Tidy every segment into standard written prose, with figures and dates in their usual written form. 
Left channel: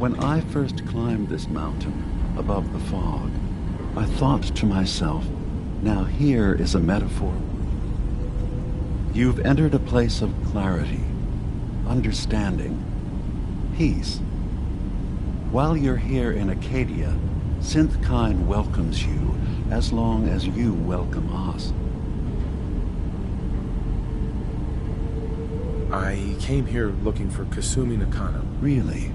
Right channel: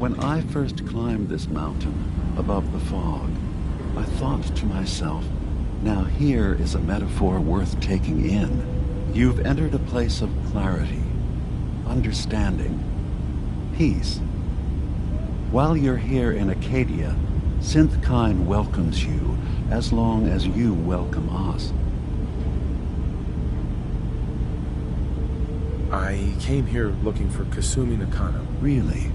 When I first climbed this mountain, above the fog, I thought to myself, now here is a metaphor worth taking in. You've entered a place of clarity, understanding, peace. While you're here in Acadia, Synthkind welcomes you as long as you welcome us. I came here looking for Kasumi Nakano. Really?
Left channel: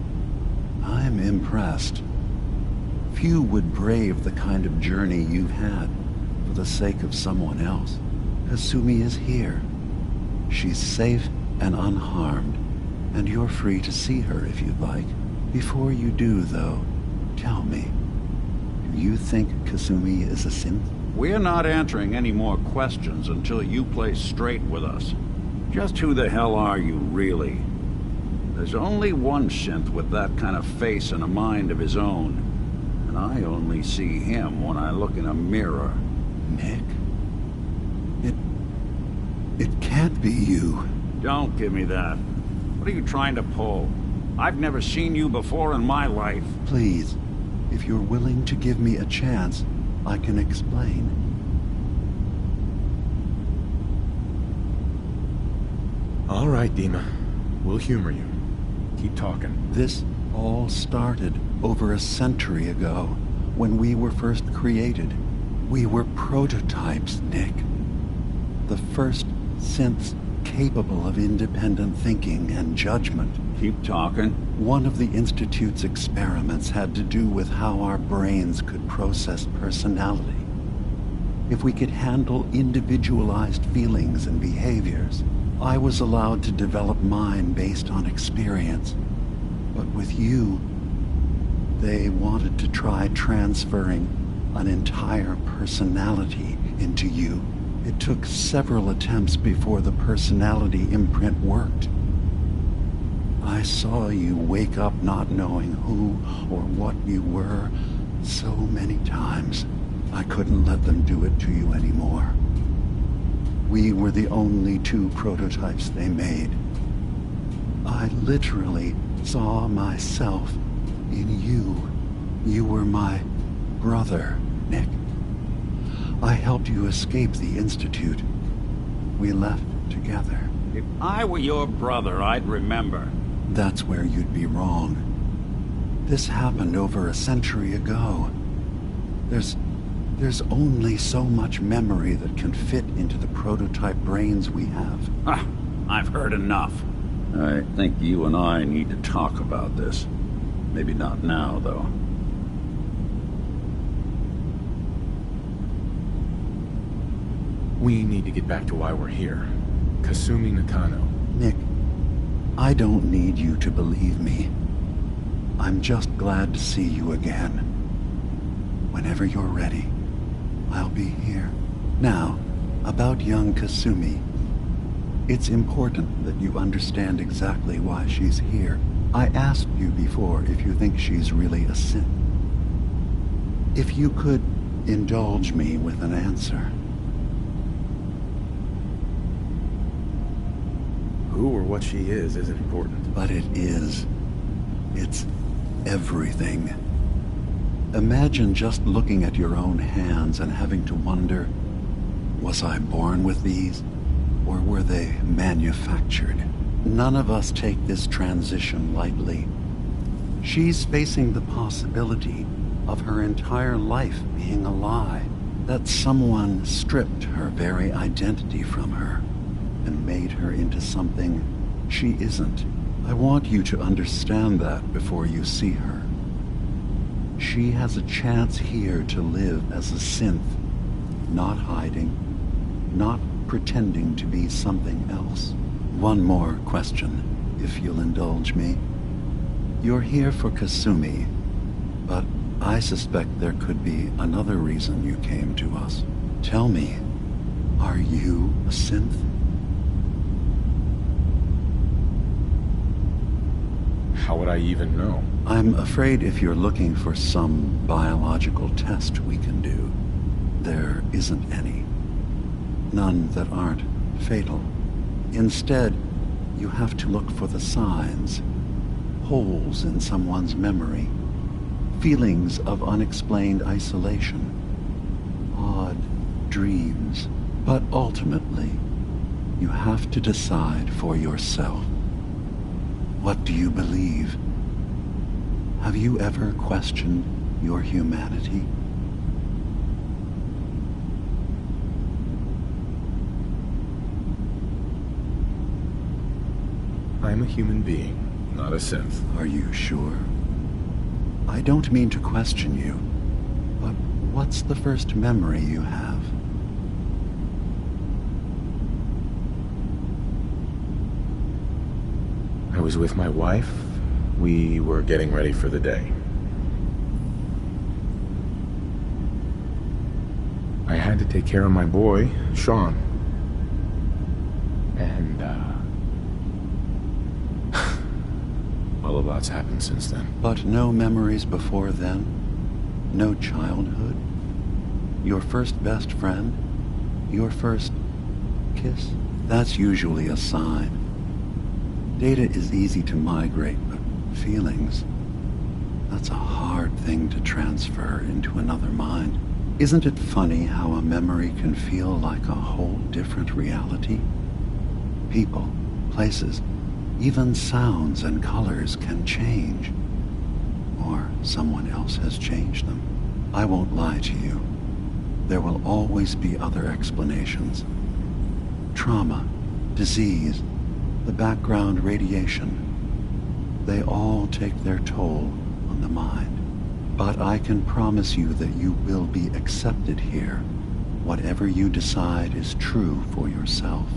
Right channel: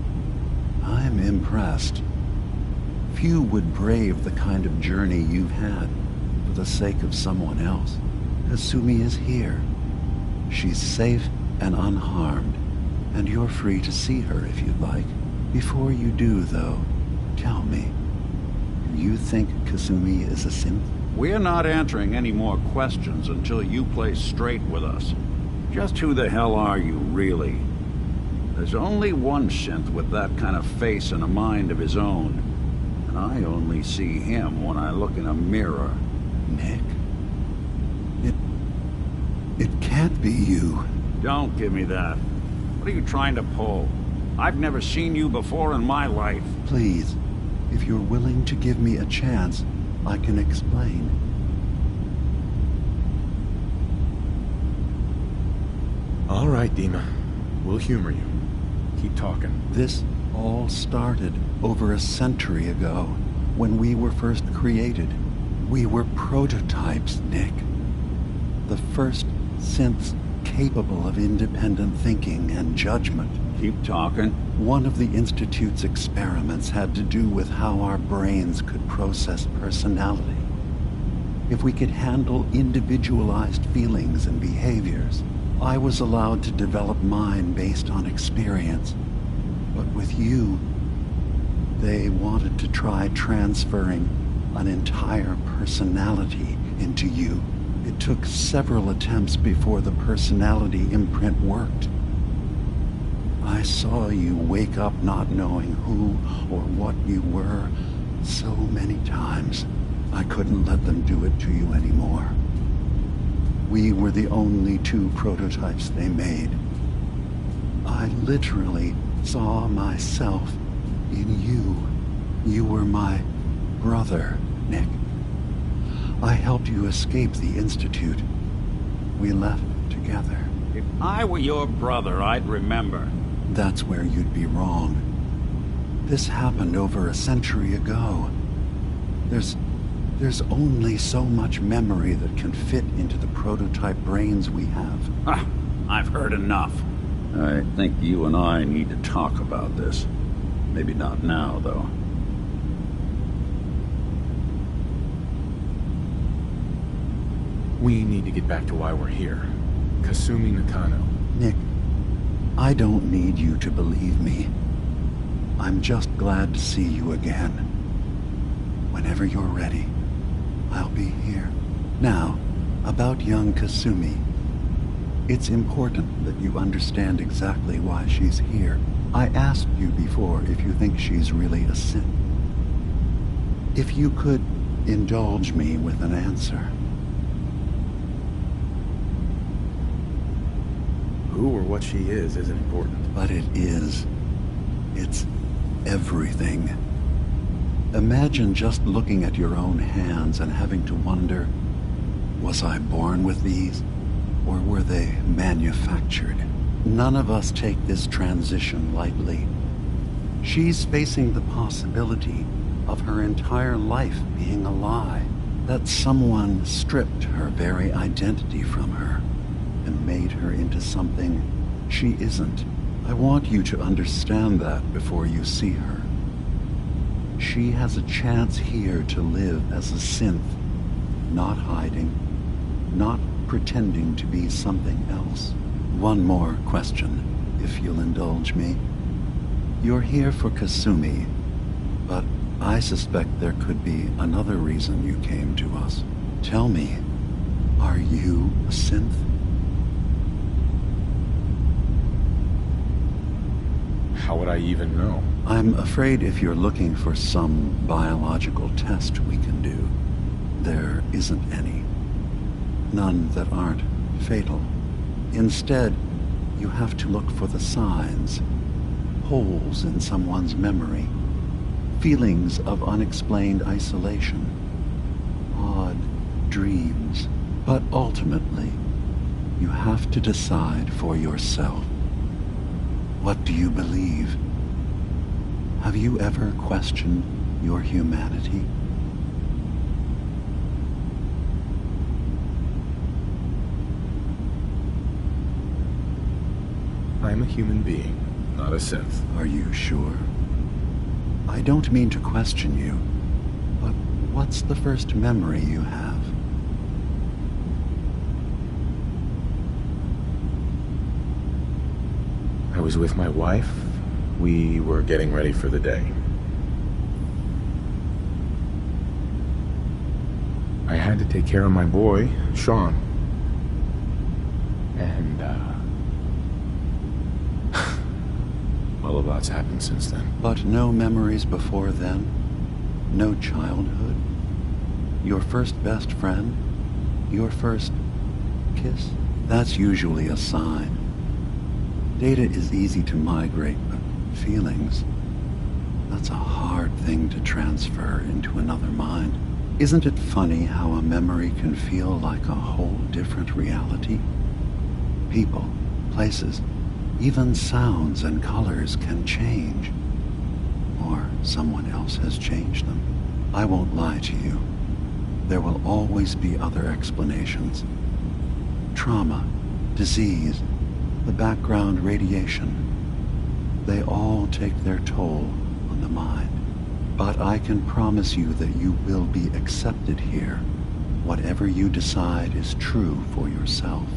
I'm impressed. Few would brave the kind of journey you've had for the sake of someone else. Kasumi is here. She's safe and unharmed, and you're free to see her if you'd like. Before you do, though, tell me, do you think Kasumi is a synth? We're not answering any more questions until you play straight with us. Just who the hell are you, really? There's only one synth with that kind of face and a mind of his own. And I only see him when I look in a mirror. Nick? It can't be you. Don't give me that. What are you trying to pull? I've never seen you before in my life. Please, if you're willing to give me a chance, I can explain. All right, Dima. We'll humor you. Keep talking. This all started over a century ago, when we were first created. We were prototypes, Nick. The first synths capable of independent thinking and judgment. Keep talking. One of the Institute's experiments had to do with how our brains could process personality. If we could handle individualized feelings and behaviors, I was allowed to develop mine based on experience. But with you, they wanted to try transferring an entire personality into you. It took several attempts before the personality imprint worked. I saw you wake up not knowing who or what you were so many times. I couldn't let them do it to you anymore. We were the only two prototypes they made. I literally saw myself in you. You were my brother, Nick. I helped you escape the Institute. We left together. If I were your brother, I'd remember. That's where you'd be wrong. This happened over a century ago. There's only so much memory that can fit into the prototype brains we have. Ah, I've heard enough. I think you and I need to talk about this. Maybe not now, though. We need to get back to why we're here. Kasumi Nakano. Nick, I don't need you to believe me. I'm just glad to see you again. Whenever you're ready, I'll be here. Now, about young Kasumi. It's important that you understand exactly why she's here. I asked you before if you think she's really a synth. If you could indulge me with an answer. Who or what she is isn't important. But it is. It's everything. Imagine just looking at your own hands and having to wonder, was I born with these, or were they manufactured? None of us take this transition lightly. She's facing the possibility of her entire life being a lie, that someone stripped her very identity from her and made her into something she isn't. I want you to understand that before you see her. She has a chance here to live as a synth, not hiding, not pretending to be something else. One more question, if you'll indulge me. You're here for Kasumi, but I suspect there could be another reason you came to us. Tell me, are you a synth? How would I even know? I'm afraid if you're looking for some biological test we can do, there isn't any. None that aren't fatal. Instead, you have to look for the signs, holes in someone's memory, feelings of unexplained isolation, odd dreams. But ultimately, you have to decide for yourself. What do you believe? Have you ever questioned your humanity? I'm a human being, not a synth. Are you sure? I don't mean to question you, but what's the first memory you have? I was with my wife. We were getting ready for the day. I had to take care of my boy, Sean. And, well, a lot's happened since then. But no memories before then? No childhood? Your first best friend? Your first kiss? That's usually a sign. Data is easy to migrate, but feelings, that's a hard thing to transfer into another mind. Isn't it funny how a memory can feel like a whole different reality? People, places, even sounds and colors can change. Or someone else has changed them. I won't lie to you. There will always be other explanations. Trauma, disease, the background radiation. They all take their toll on the mind. But I can promise you that you will be accepted here, whatever you decide is true for yourself.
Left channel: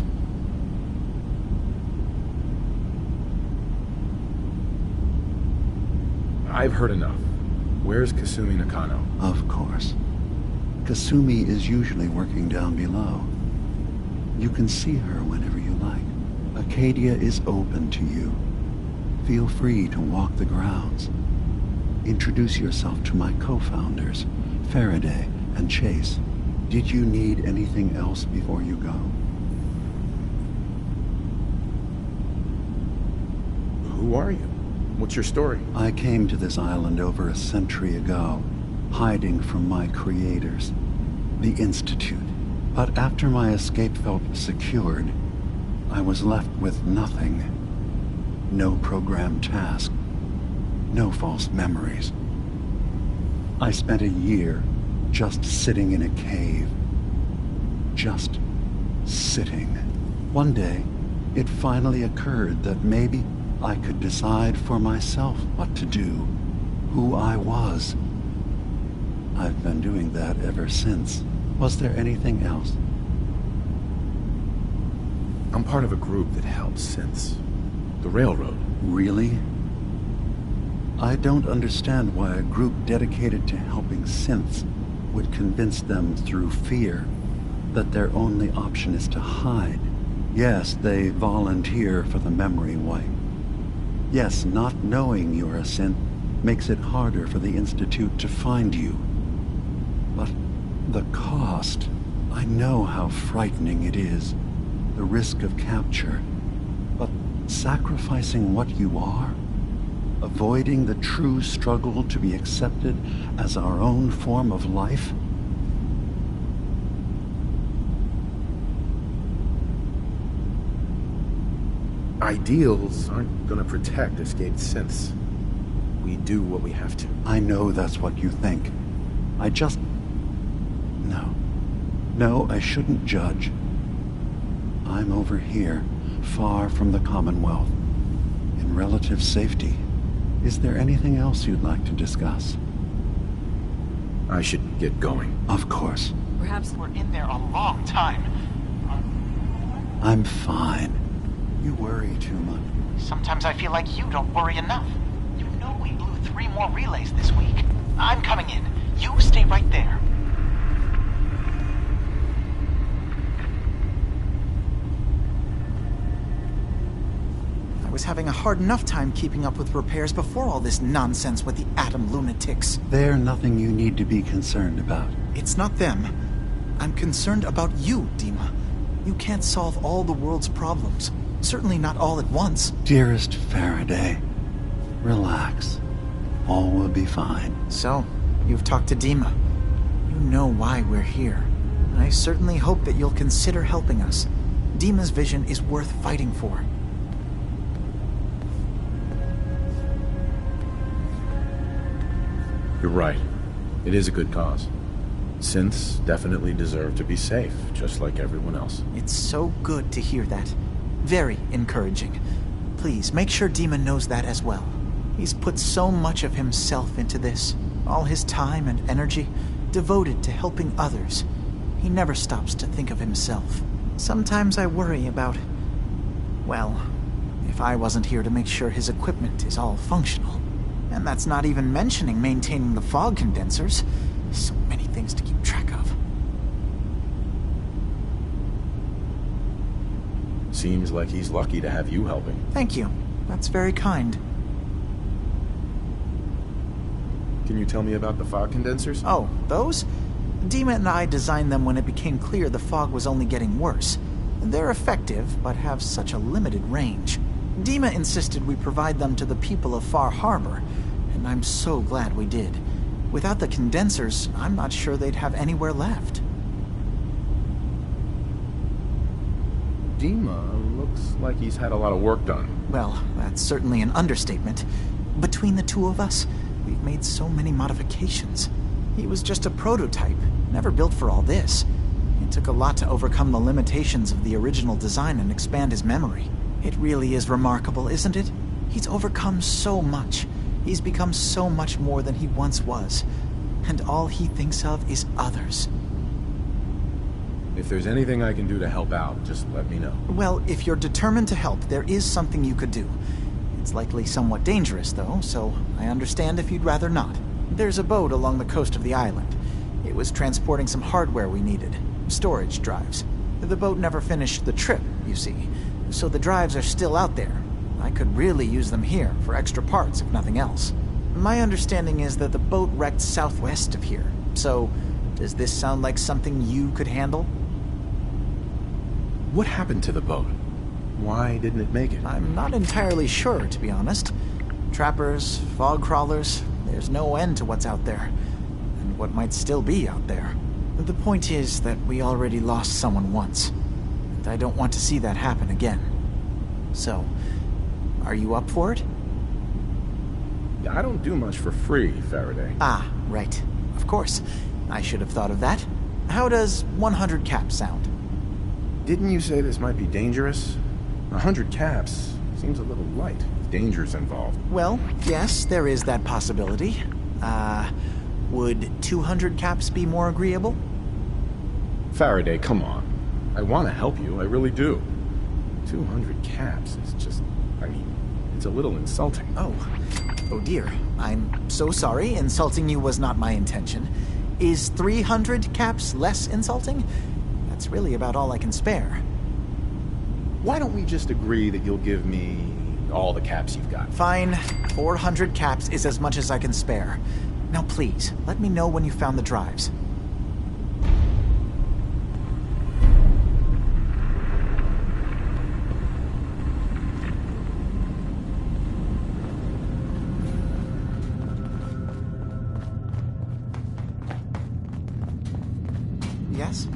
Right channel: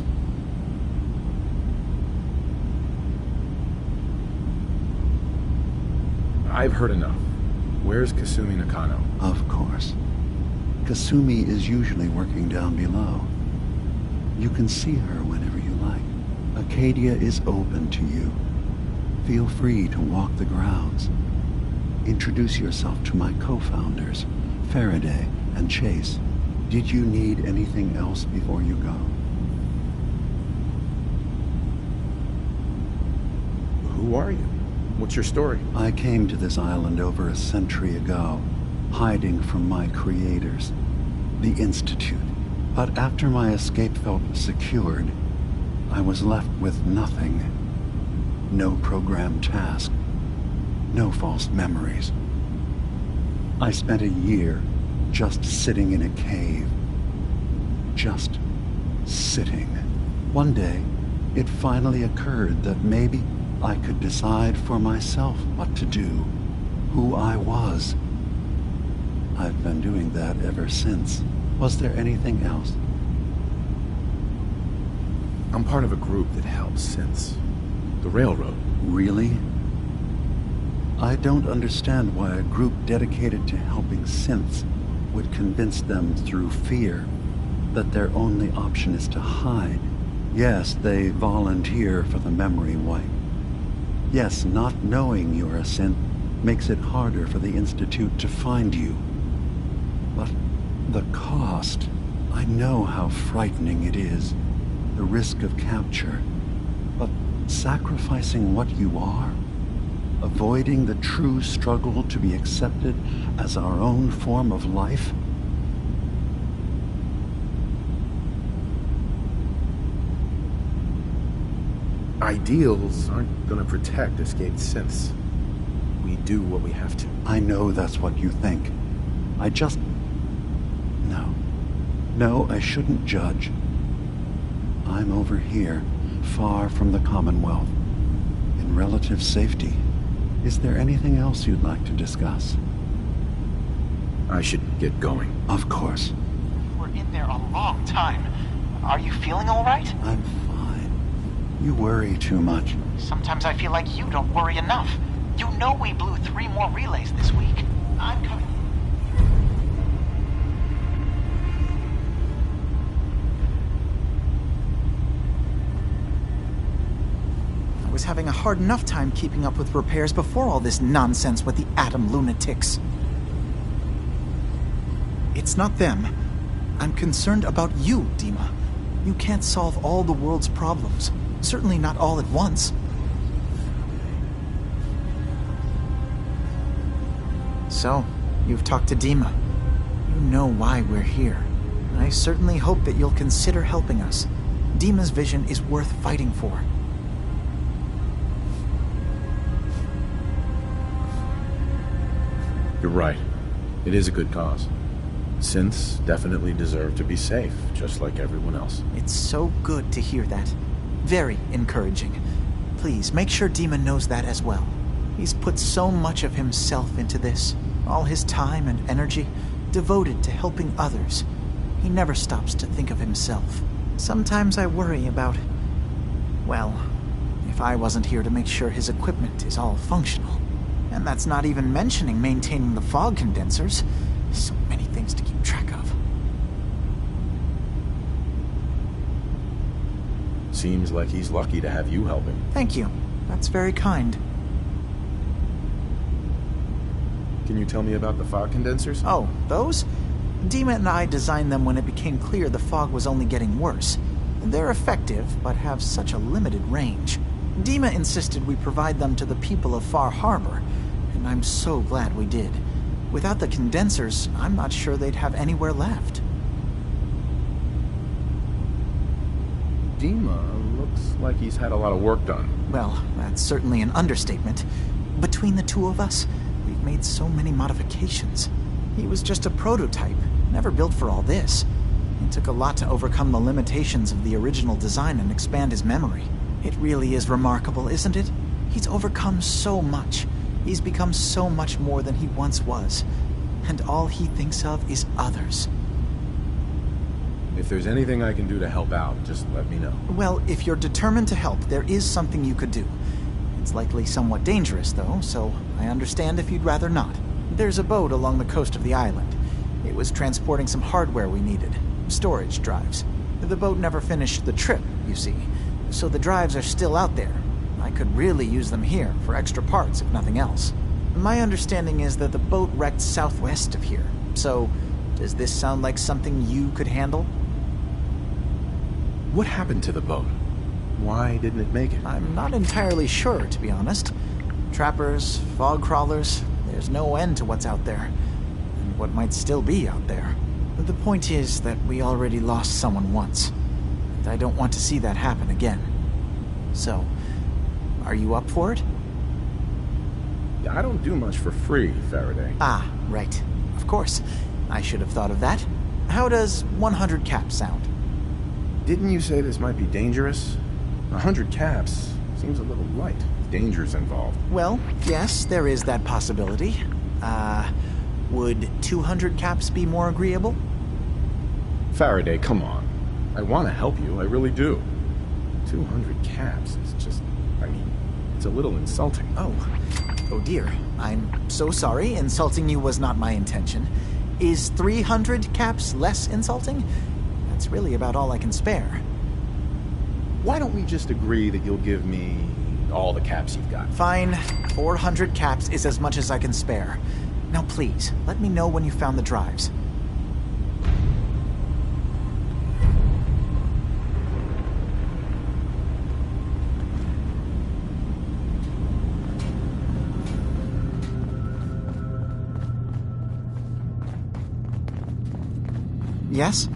I've heard enough. Where's Kasumi Nakano? Of course. Kasumi is usually working down below. You can see her whenever you like. Acadia is open to you. Feel free to walk the grounds. Introduce yourself to my co-founders, Faraday and Chase. Did you need anything else before you go? Who are you? What's your story? I came to this island over a century ago, hiding from my creators, the Institute. But after my escape felt secured, I was left with nothing. No programmed task. No false memories. I spent a year just sitting in a cave. Just sitting. One day, it finally occurred that maybe I could decide for myself what to do, who I was. I've been doing that ever since. Was there anything else? I'm part of a group that helps synths. The Railroad. Really? I don't understand why a group dedicated to helping synths would convince them through fear that their only option is to hide. Yes, they volunteer for the memory wipe. Yes, not knowing you're a synth makes it harder for the Institute to find you. But the cost, I know how frightening it is. The risk of capture. But sacrificing what you are, avoiding the true struggle to be accepted as our own form of life. Ideals aren't gonna protect escaped synths. We do what we have to. I know that's what you think. I just... No, I shouldn't judge. I'm over here, far from the Commonwealth, in relative safety. Is there anything else you'd like to discuss? I should get going. Of course. Perhaps we're in there a long time. Are you feeling all right? I'm fine. You worry too much. Sometimes I feel like you don't worry enough. You know we blew 3 more relays this week. I'm coming in. You stay right there. I was having a hard enough time keeping up with repairs before all this nonsense with the atom lunatics. They're nothing you need to be concerned about. It's not them. I'm concerned about you, Dima. You can't solve all the world's problems. Certainly not all at once. Dearest Faraday, Relax. All will be fine. So, you've talked to Dima. You know why we're here. I certainly hope that you'll consider helping us. Dima's vision is worth fighting for. You're right. It is a good cause. Synths definitely deserve to be safe, just like everyone else. It's so good to hear that. Very encouraging. Please, make sure Dima knows that as well. He's put so much of himself into this. All his time and energy devoted to helping others. He never stops to think of himself. Sometimes I worry about... well, if I wasn't here to make sure his equipment is all functional. And that's not even mentioning maintaining the fog condensers. So many things to keep track of. Seems like he's lucky to have you helping. Thank you. That's very kind. Can you tell me about the fog condensers? Oh, those? Dima and I designed them when it became clear the fog was only getting worse. They're effective, but have such a limited range. Dima insisted we provide them to the people of Far Harbor, and I'm so glad we did. Without the condensers, I'm not sure they'd have anywhere left. Dima looks like he's had a lot of work done. Well, that's certainly an understatement. Between the two of us, we've made so many modifications. He was just a prototype, never built for all this. It took a lot to overcome the limitations of the original design and expand his memory. It really is remarkable, isn't it? He's overcome so much. He's become so much more than he once was. And all he thinks of is others. If there's anything I can do to help out, just let me know. Well, if you're determined to help, there is something you could do. It's likely somewhat dangerous, though, so I understand if you'd rather not. There's a boat along the coast of the island. It was transporting some hardware we needed. Storage drives. The boat never finished the trip, you see, so the drives are still out there. I could really use them here for extra parts, if nothing else. My understanding is that the boat wrecked southwest of here, so does this sound like something you could handle? What happened to the boat? Why didn't it make it? I'm not entirely sure, to be honest. Trappers, fog crawlers, there's no end to what's out there, and what might still be out there. The point is that we already lost someone once, and I don't want to see that happen again. So, are you up for it? I don't do much for free, Faraday. Ah, right. Of course. I should have thought of that. How does 100 caps sound? Didn't you say this might be dangerous? 100 caps seems a little light. Danger's involved. Well, yes, there is that possibility. Would 200 caps be more agreeable? Faraday, come on. I want to help you, I really do. 200 caps is just... it's a little insulting. Oh dear. I'm so sorry. Insulting you was not my intention. Is 300 caps less insulting? That's really about all I can spare. Why don't we just agree that you'll give me all the caps you've got? Fine. 400 caps is as much as I can spare. Now please, let me know when you found the drives. Yes?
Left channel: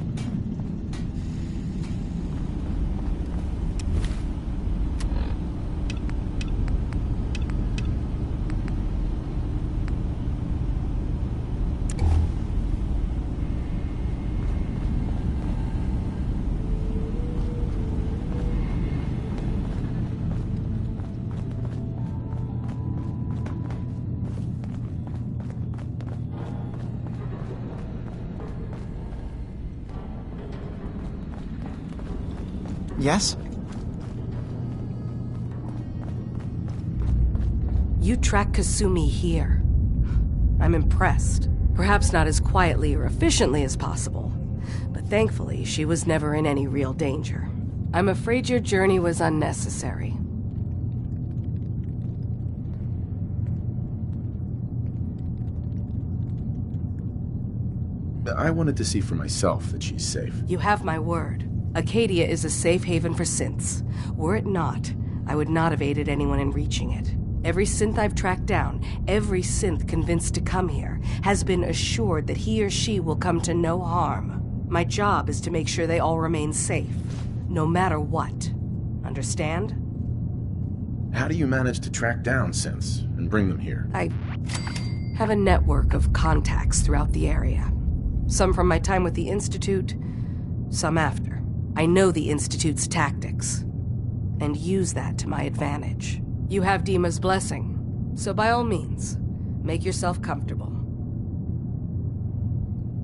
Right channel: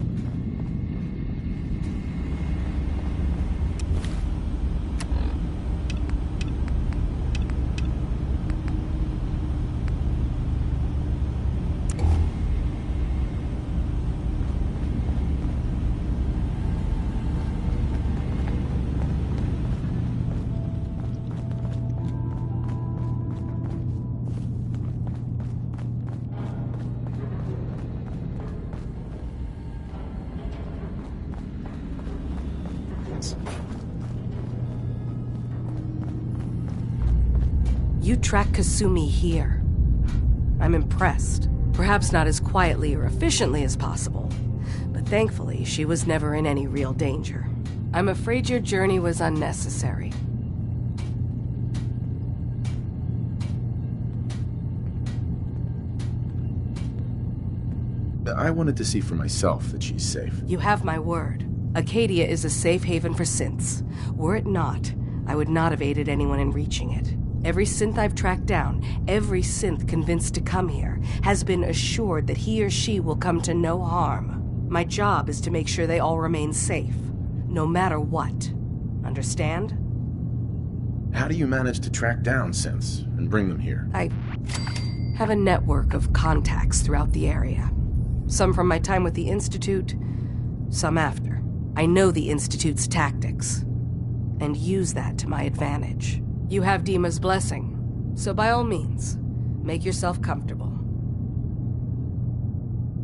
Yes? You track Kasumi here. I'm impressed. Perhaps not as quietly or efficiently as possible, but thankfully she was never in any real danger. I'm afraid your journey was unnecessary. I wanted to see for myself that she's safe. You have my word. Acadia is a safe haven for synths. Were it not, I would not have aided anyone in reaching it. Every synth I've tracked down, every synth convinced to come here, has been assured that he or she will come to no harm. My job is to make sure they all remain safe, no matter what. Understand? How do you manage to track down synths and bring them here? I have a network of contacts throughout the area. Some from my time with the Institute, some after. I know the Institute's tactics, and use that to my advantage. You have Dima's blessing, so by all means, make yourself comfortable.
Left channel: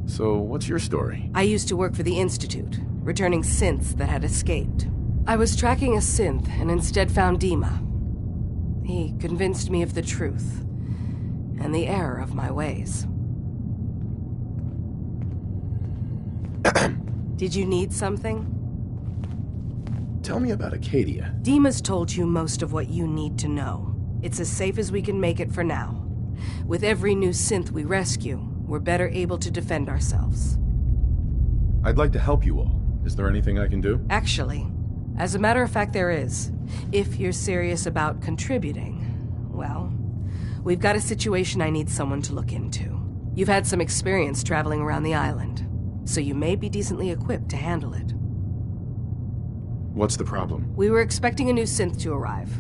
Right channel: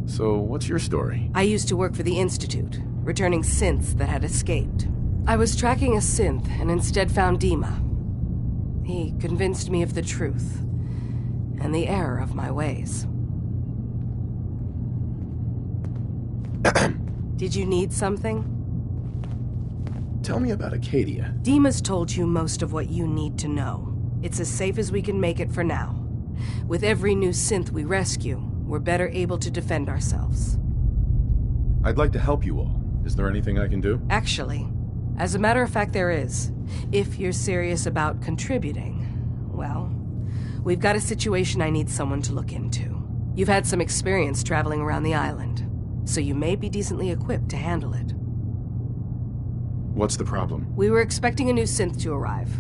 So, what's your story? I used to work for the Institute, returning synths that had escaped. I was tracking a synth and instead found Dima. He convinced me of the truth and the error of my ways. Did you need something? Tell me about Acadia. Dima's told you most of what you need to know. It's as safe as we can make it for now. With every new synth we rescue, we're better able to defend ourselves. I'd like to help you all. Is there anything I can do? Actually, as a matter of fact, there is. If you're serious about contributing, well, we've got a situation I need someone to look into. You've had some experience traveling around the island, so you may be decently equipped to handle it. What's the problem? We were expecting a new synth to arrive,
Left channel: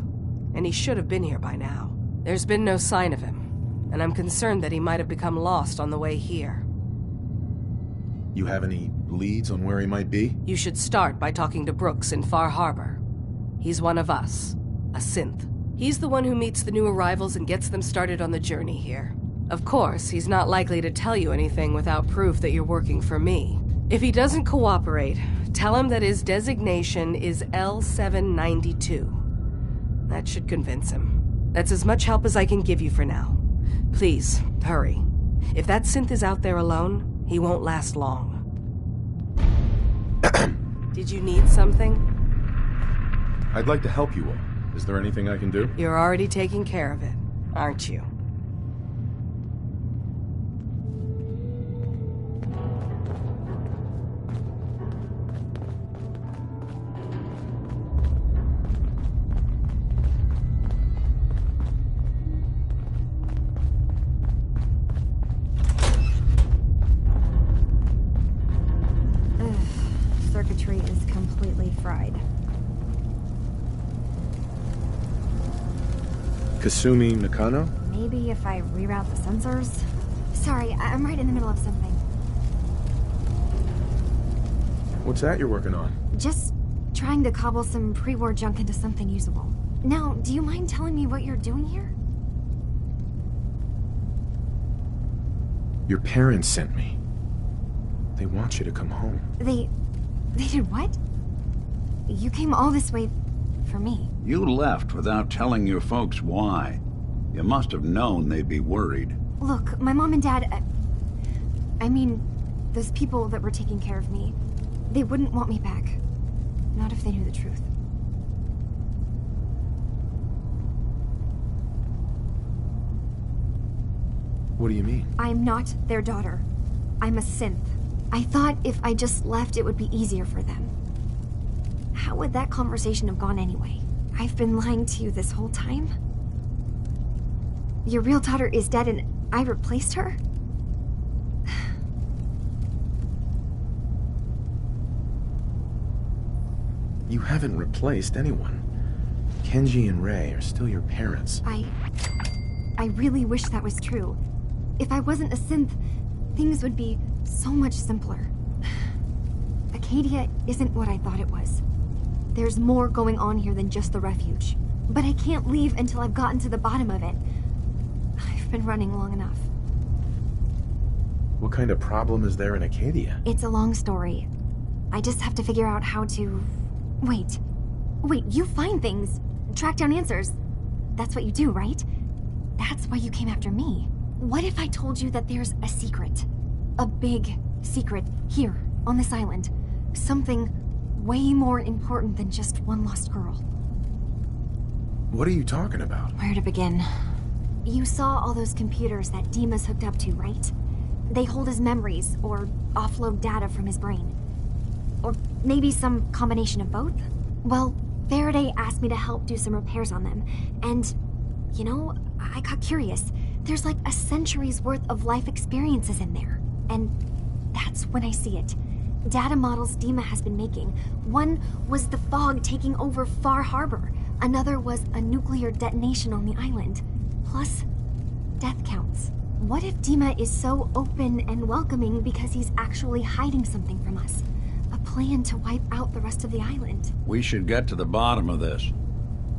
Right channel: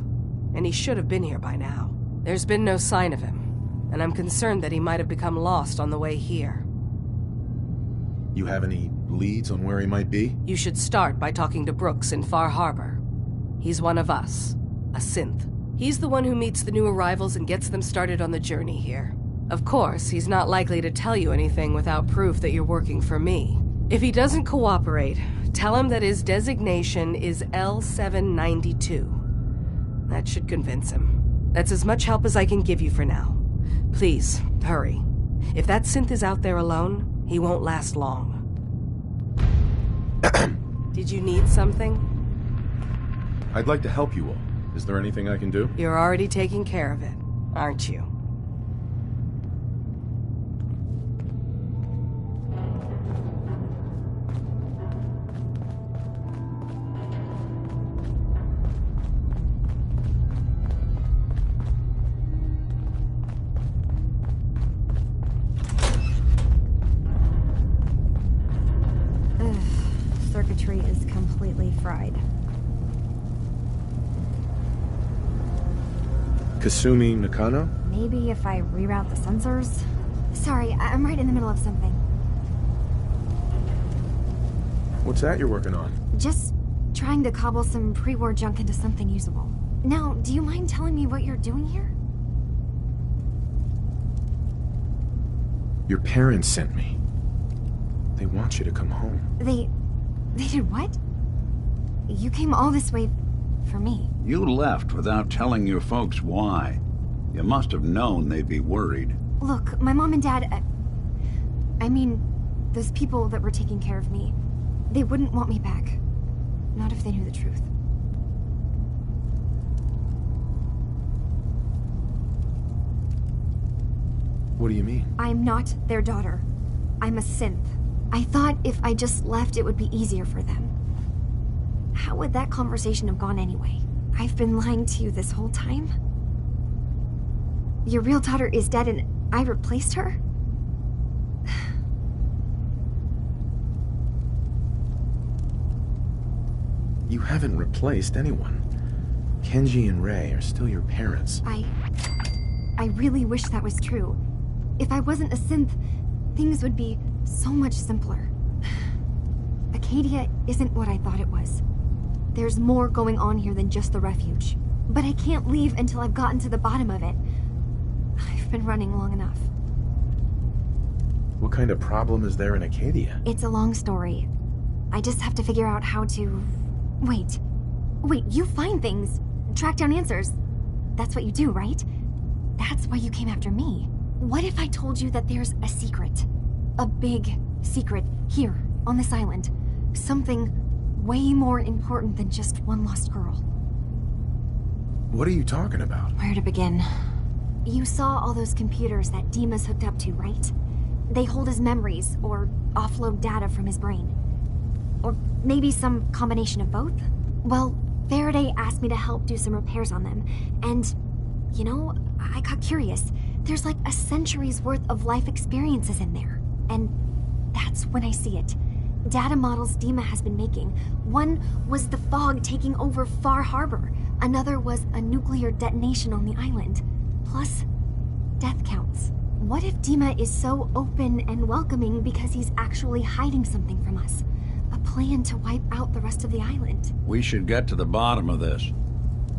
and he should have been here by now. There's been no sign of him, and I'm concerned that he might have become lost on the way here. You have any leads on where he might be? You should start by talking to Brooks in Far Harbor. He's one of us, a synth. He's the one who meets the new arrivals and gets them started on the journey here. Of course, he's not likely to tell you anything without proof that you're working for me. If he doesn't cooperate, tell him that his designation is L792. That should convince him. That's as much help as I can give you for now. Please, hurry. If that synth is out there alone, he won't last long. Did you need something? I'd like to help you all. Is there anything I can do? You're already taking care of it, aren't you? Circuitry is completely fried. Kasumi Nakano? Maybe if I reroute the sensors? Sorry, I'm right in the middle of something. What's that you're working on? Just trying to cobble some pre-war junk into something usable. Now, do you mind telling me what you're doing here? Your parents sent me. They want you to come home. They did what? You came all this way for me. You left without telling your folks why. You must have known they'd be worried. Look, my mom and dad... I mean, those people that were taking care of me, they wouldn't want me back. Not if they knew the truth. What do you mean? I'm not their daughter. I'm a synth. I thought if I just left, it would be easier for them. How would that conversation have gone anyway? I've been lying to you this whole time? Your real daughter is dead and I replaced her? You haven't replaced anyone. Kenji and Rei are still your parents. I really wish that was true. If I wasn't a synth, things would be so much simpler. Acadia isn't what I thought it was. There's more going on here than just the refuge. But I can't leave until I've gotten to the bottom of it. I've been running long enough. What kind of problem is there in Acadia? It's a long story. I just have to figure out how to... Wait, you find things, track down answers. That's what you do, right? That's why you came after me. What if I told you that there's a secret? A big secret here, on this island. Something way more important than just one lost girl. What are you talking about? Where to begin? You saw all those computers that Dima's hooked up to, right? They hold his memories, or offload data from his brain. Or maybe some combination of both? Well, Faraday asked me to help do some repairs on them, and You know, I got curious. There's like a century's worth of life experiences in there. And that's when I see it. Data models Dima has been making. One was the fog taking over Far Harbor. Another was a nuclear detonation on the island. Plus, death counts. What if Dima is so open and welcoming because he's actually hiding something from us? A plan to wipe out the rest of the island. We should get to the bottom of this.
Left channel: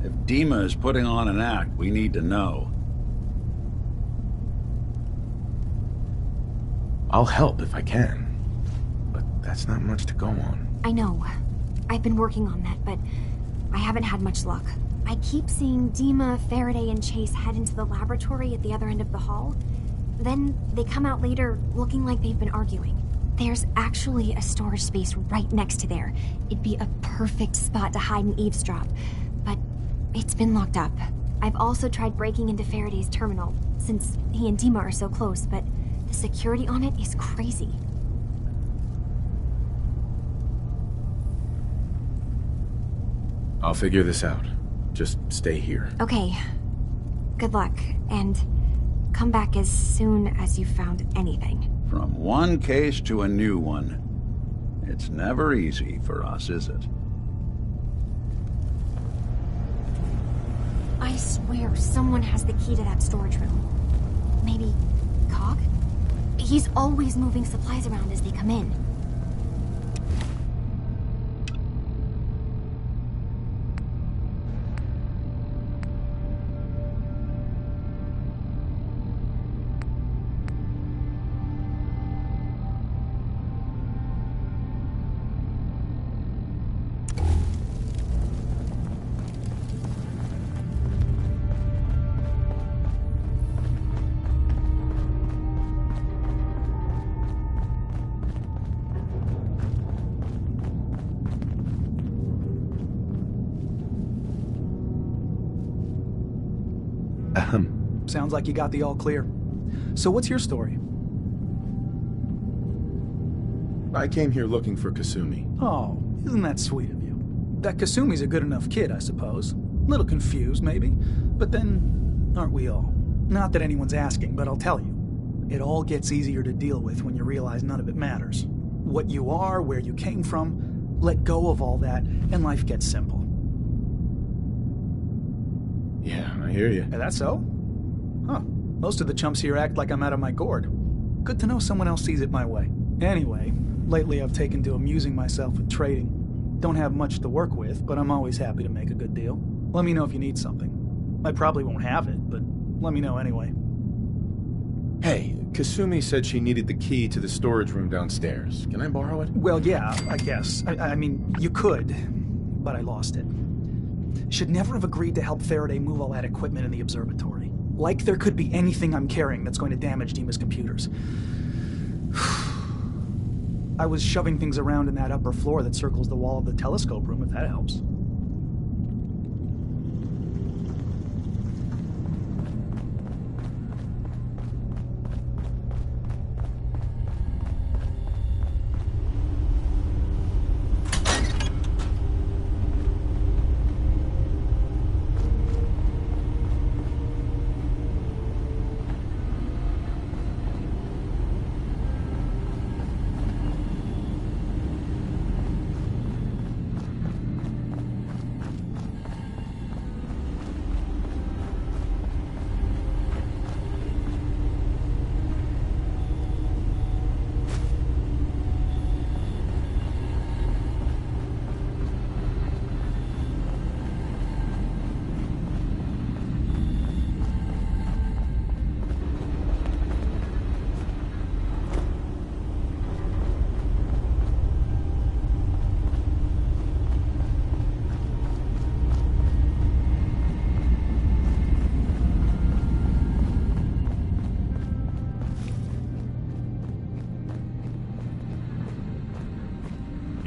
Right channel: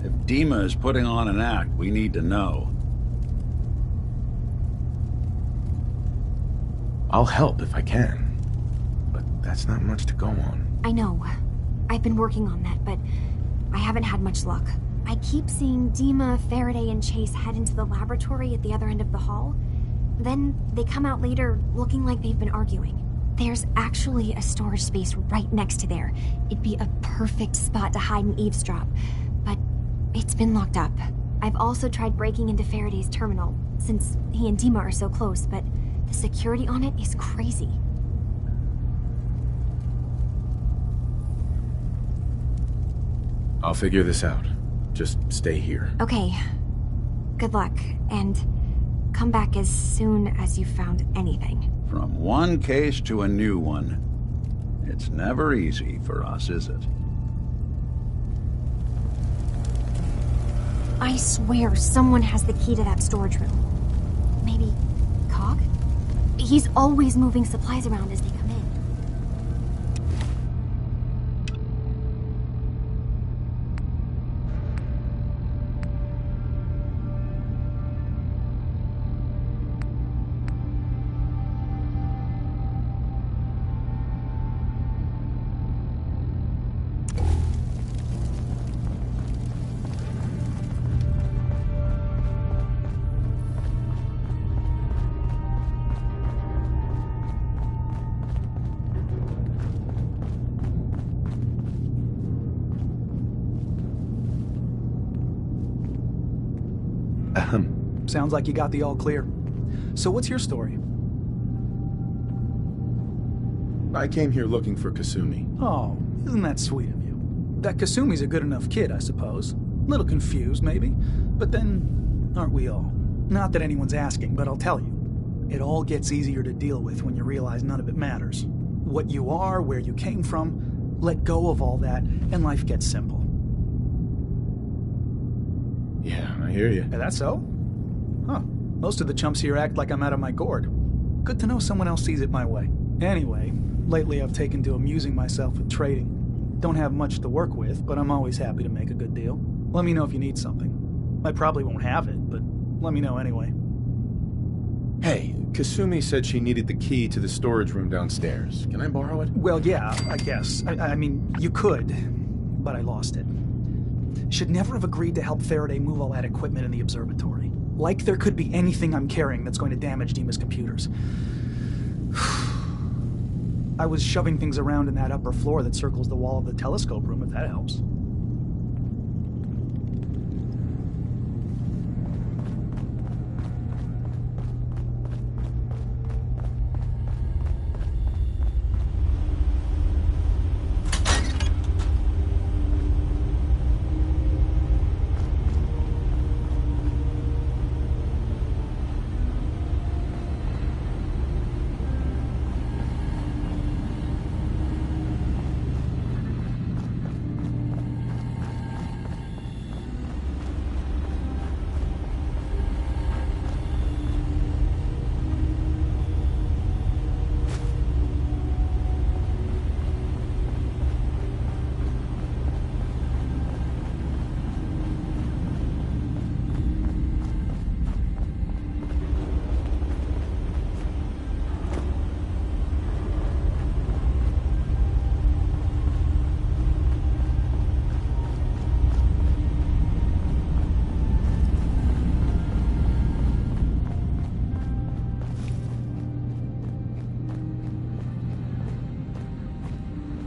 If Dima is putting on an act, we need to know. I'll help if I can, but that's not much to go on. I know. I've been working on that, but I haven't had much luck. I keep seeing Dima, Faraday, and Chase head into the laboratory at the other end of the hall. Then they come out later looking like they've been arguing. There's actually a storage space right next to there. It'd be a perfect spot to hide and eavesdrop, but it's been locked up. I've also tried breaking into Faraday's terminal, since he and Dima are so close, but the security on it is crazy. I'll figure this out. Just stay here. Okay. Good luck, and come back as soon as you've found anything. From one case to a new one. It's never easy for us, is it? I swear someone has the key to that storage room. Maybe Cog? He's always moving supplies around as they come in. Sounds like you got the all clear. So what's your story? I came here looking for Kasumi. Oh, isn't that sweet of you? That Kasumi's a good enough kid, I suppose. Little confused, maybe. But then, aren't we all? Not that anyone's asking, but I'll tell you. It all gets easier to deal with when you realize none of it matters. What you are, where you came from, let go of all that, and life gets simple. Yeah, I hear you. Is that so? Huh. Most of the chumps here act like I'm out of my gourd. Good to know someone else sees it my way. Anyway, lately I've taken to amusing myself with trading. Don't have much to work with, but I'm always happy to make a good deal. Let me know if you need something. I probably won't have it, but let me know anyway. Hey, Kasumi said she needed the key to the storage room downstairs. Can I borrow it? Well, yeah, I guess. I mean, you could, but I lost it. Should never have agreed to help Faraday move all that equipment in the observatory. Like there could be anything I'm carrying that's going to damage Dima's computers. I was shoving things around in that upper floor that circles the wall of the telescope room, if that helps.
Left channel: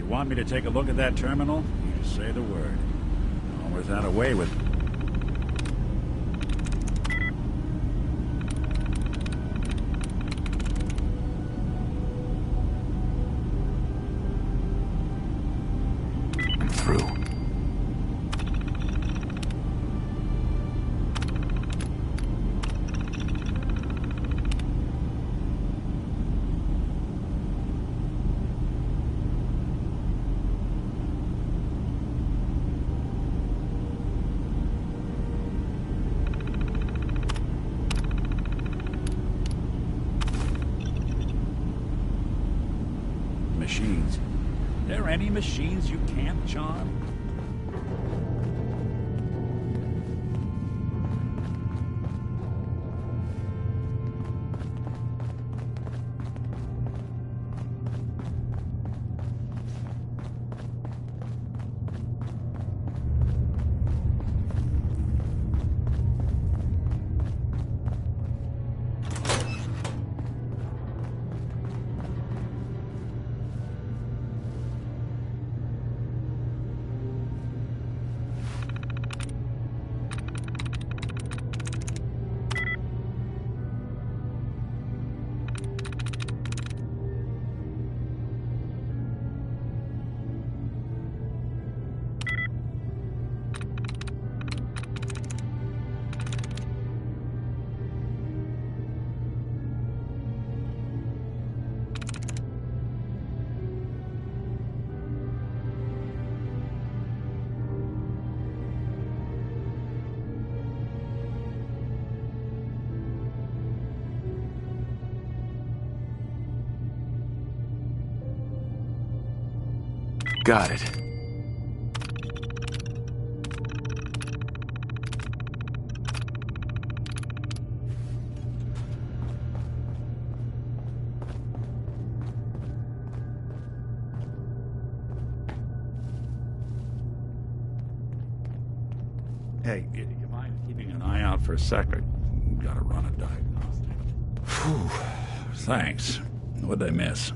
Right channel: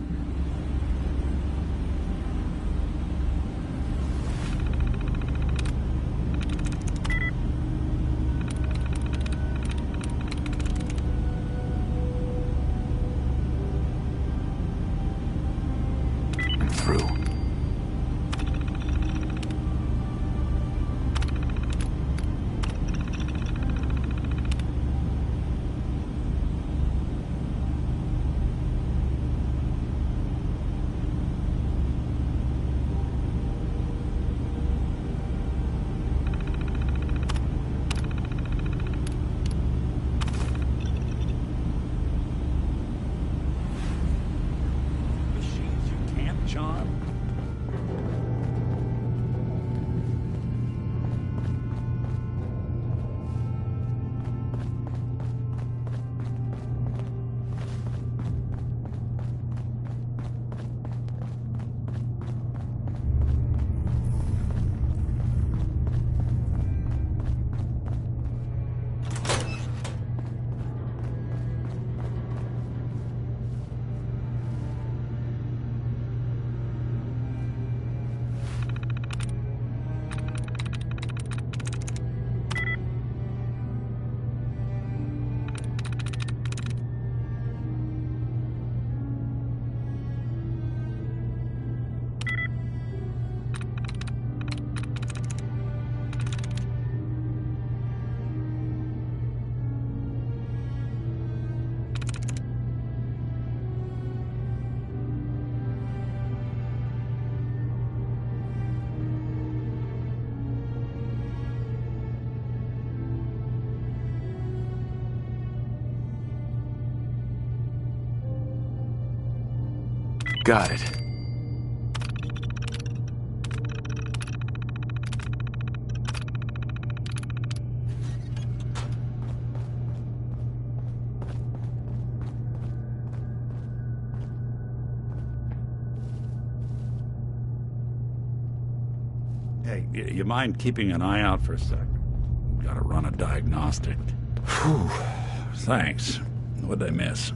Want me to take a look at that terminal? Say the word. Or that away with you? I'm through. machines. Are there any machines you can't charm? Got it. Hey, you mind keeping an eye out for a second? Gotta run a diagnostic. Whew. Thanks. What'd I miss?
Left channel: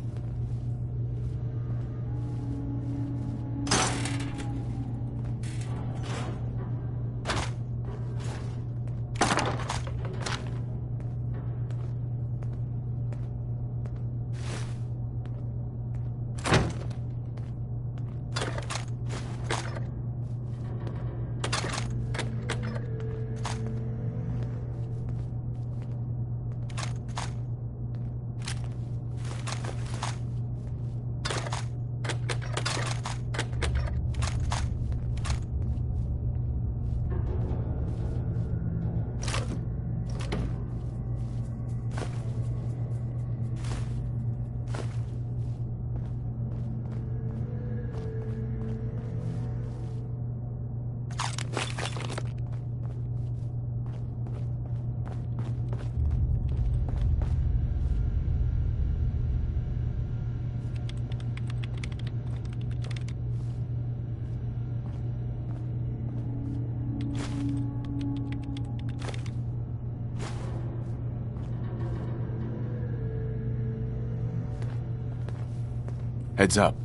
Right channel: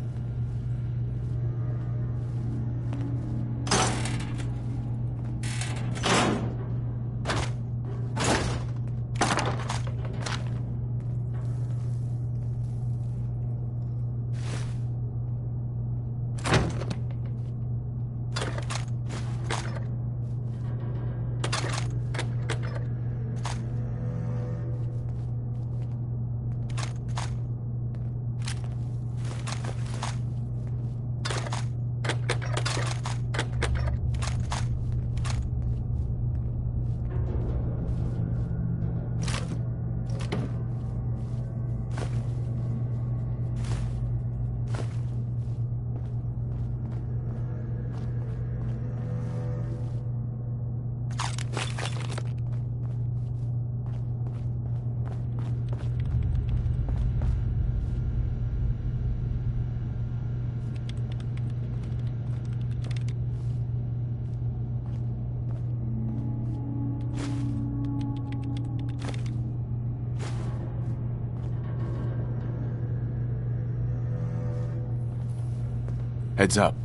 Heads up.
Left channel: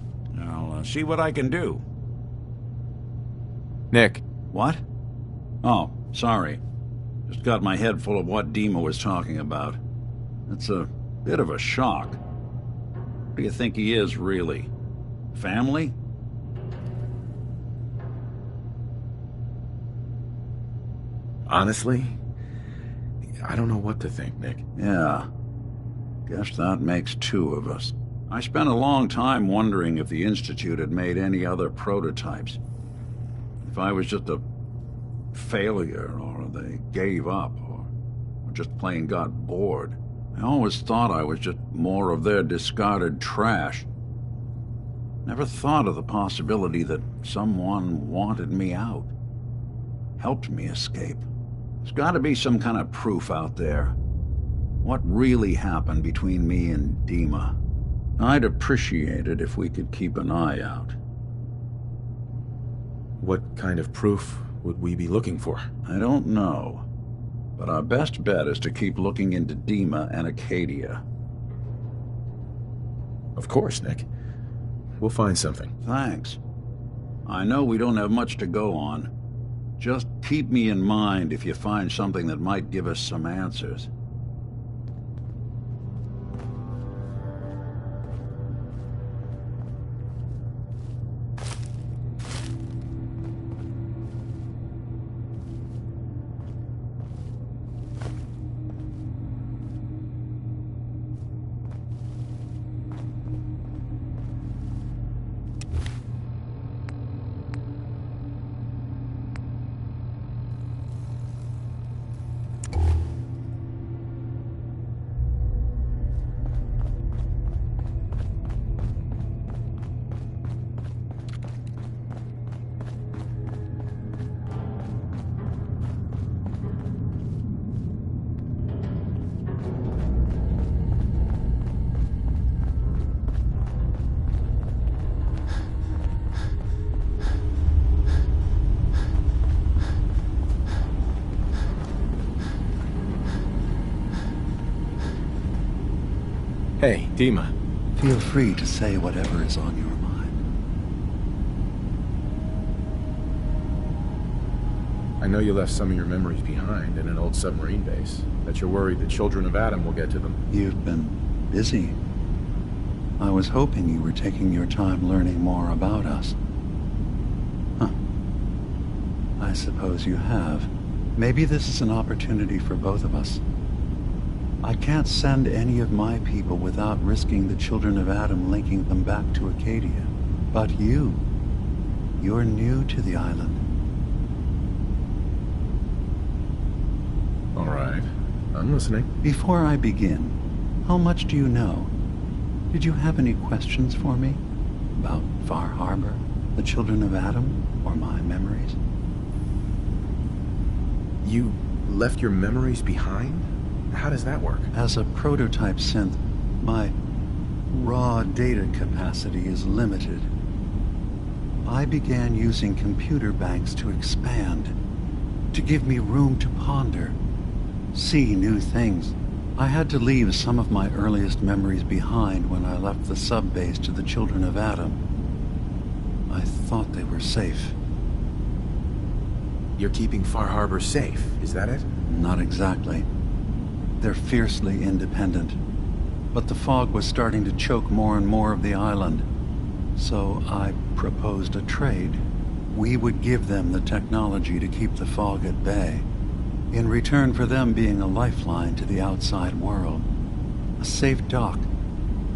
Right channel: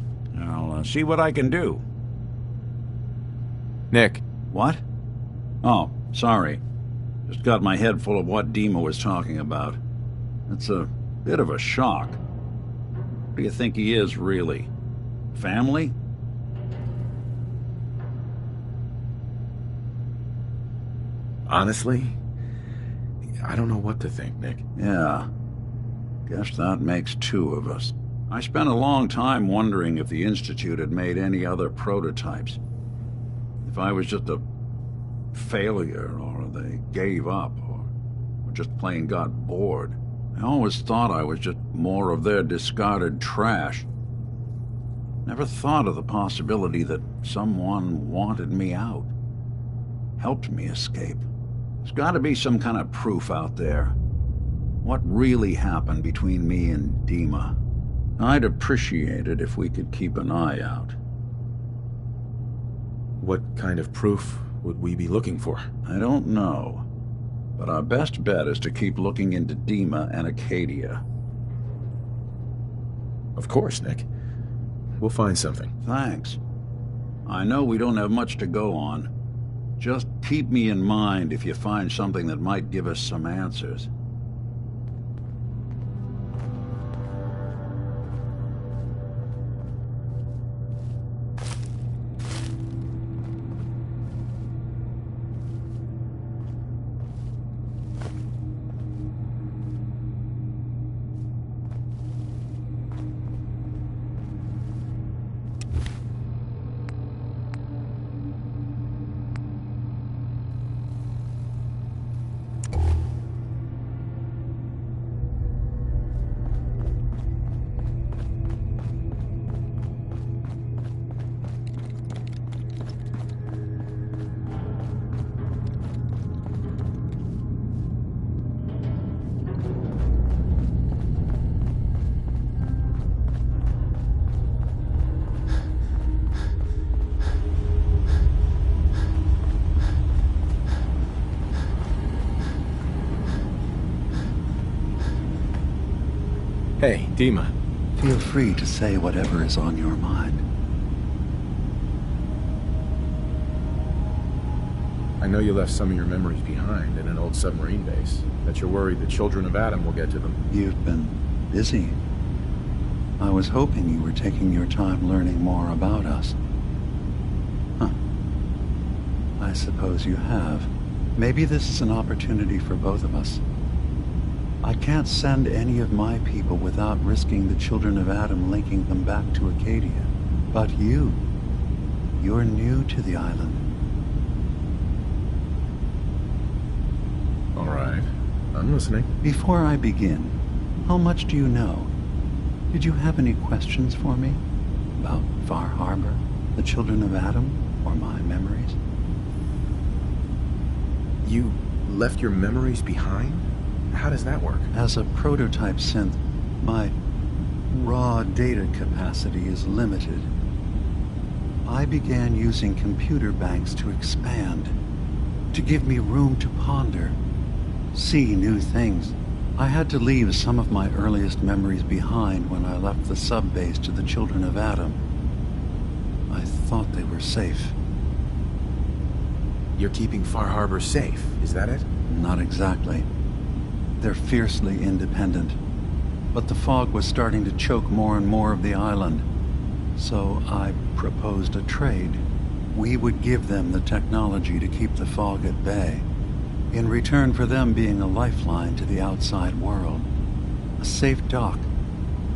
I'll see what I can do. Nick. What? Oh, sorry. Just got my head full of what Dima was talking about. It's a bit of a shock. What do you think he is, really? Family? Honestly, I don't know what to think, Nick. Yeah. Guess that makes two of us. I spent a long time wondering if the Institute had made any other prototypes. If I was just a failure, or they gave up, or just plain got bored. I always thought I was just more of their discarded trash. Never thought of the possibility that someone wanted me out. Helped me escape. There's got to be some kind of proof out there. What really happened between me and Dima? I'd appreciate it if we could keep an eye out. What kind of proof would we be looking for? I don't know. But our best bet is to keep looking into Dima and Acadia. Of course, Nick. We'll find something. Thanks. I know we don't have much to go on. Just keep me in mind if you find something that might give us some answers. Hey, Dima. Feel free to say whatever is on your mind. I know you left some of your memories behind in an old submarine base. That you're worried the children of Adam will get to them. You've been busy. I was hoping you were taking your time learning more about us. Huh. I suppose you have. Maybe this is an opportunity for both of us. I can't send any of my people without risking the children of Adam linking them back to Acadia. But you're new to the island. All right. I'm listening. Before I begin, how much do you know? Did you have any questions for me? About Far Harbor, the children of Adam, or my memories? You left your memories behind? How does that work? As a prototype synth, my raw data capacity is limited. I began using computer banks to expand, to give me room to ponder, see new things. I had to leave some of my earliest memories behind when I left the sub-base to the children of Adam. I thought they were safe. You're keeping Far Harbor safe, is that it? Not exactly. They're fiercely independent. But the fog was starting to choke more and more of the island. So I proposed a trade. We would give them the technology to keep the fog at bay, in return for them being a lifeline to the outside world, a safe dock,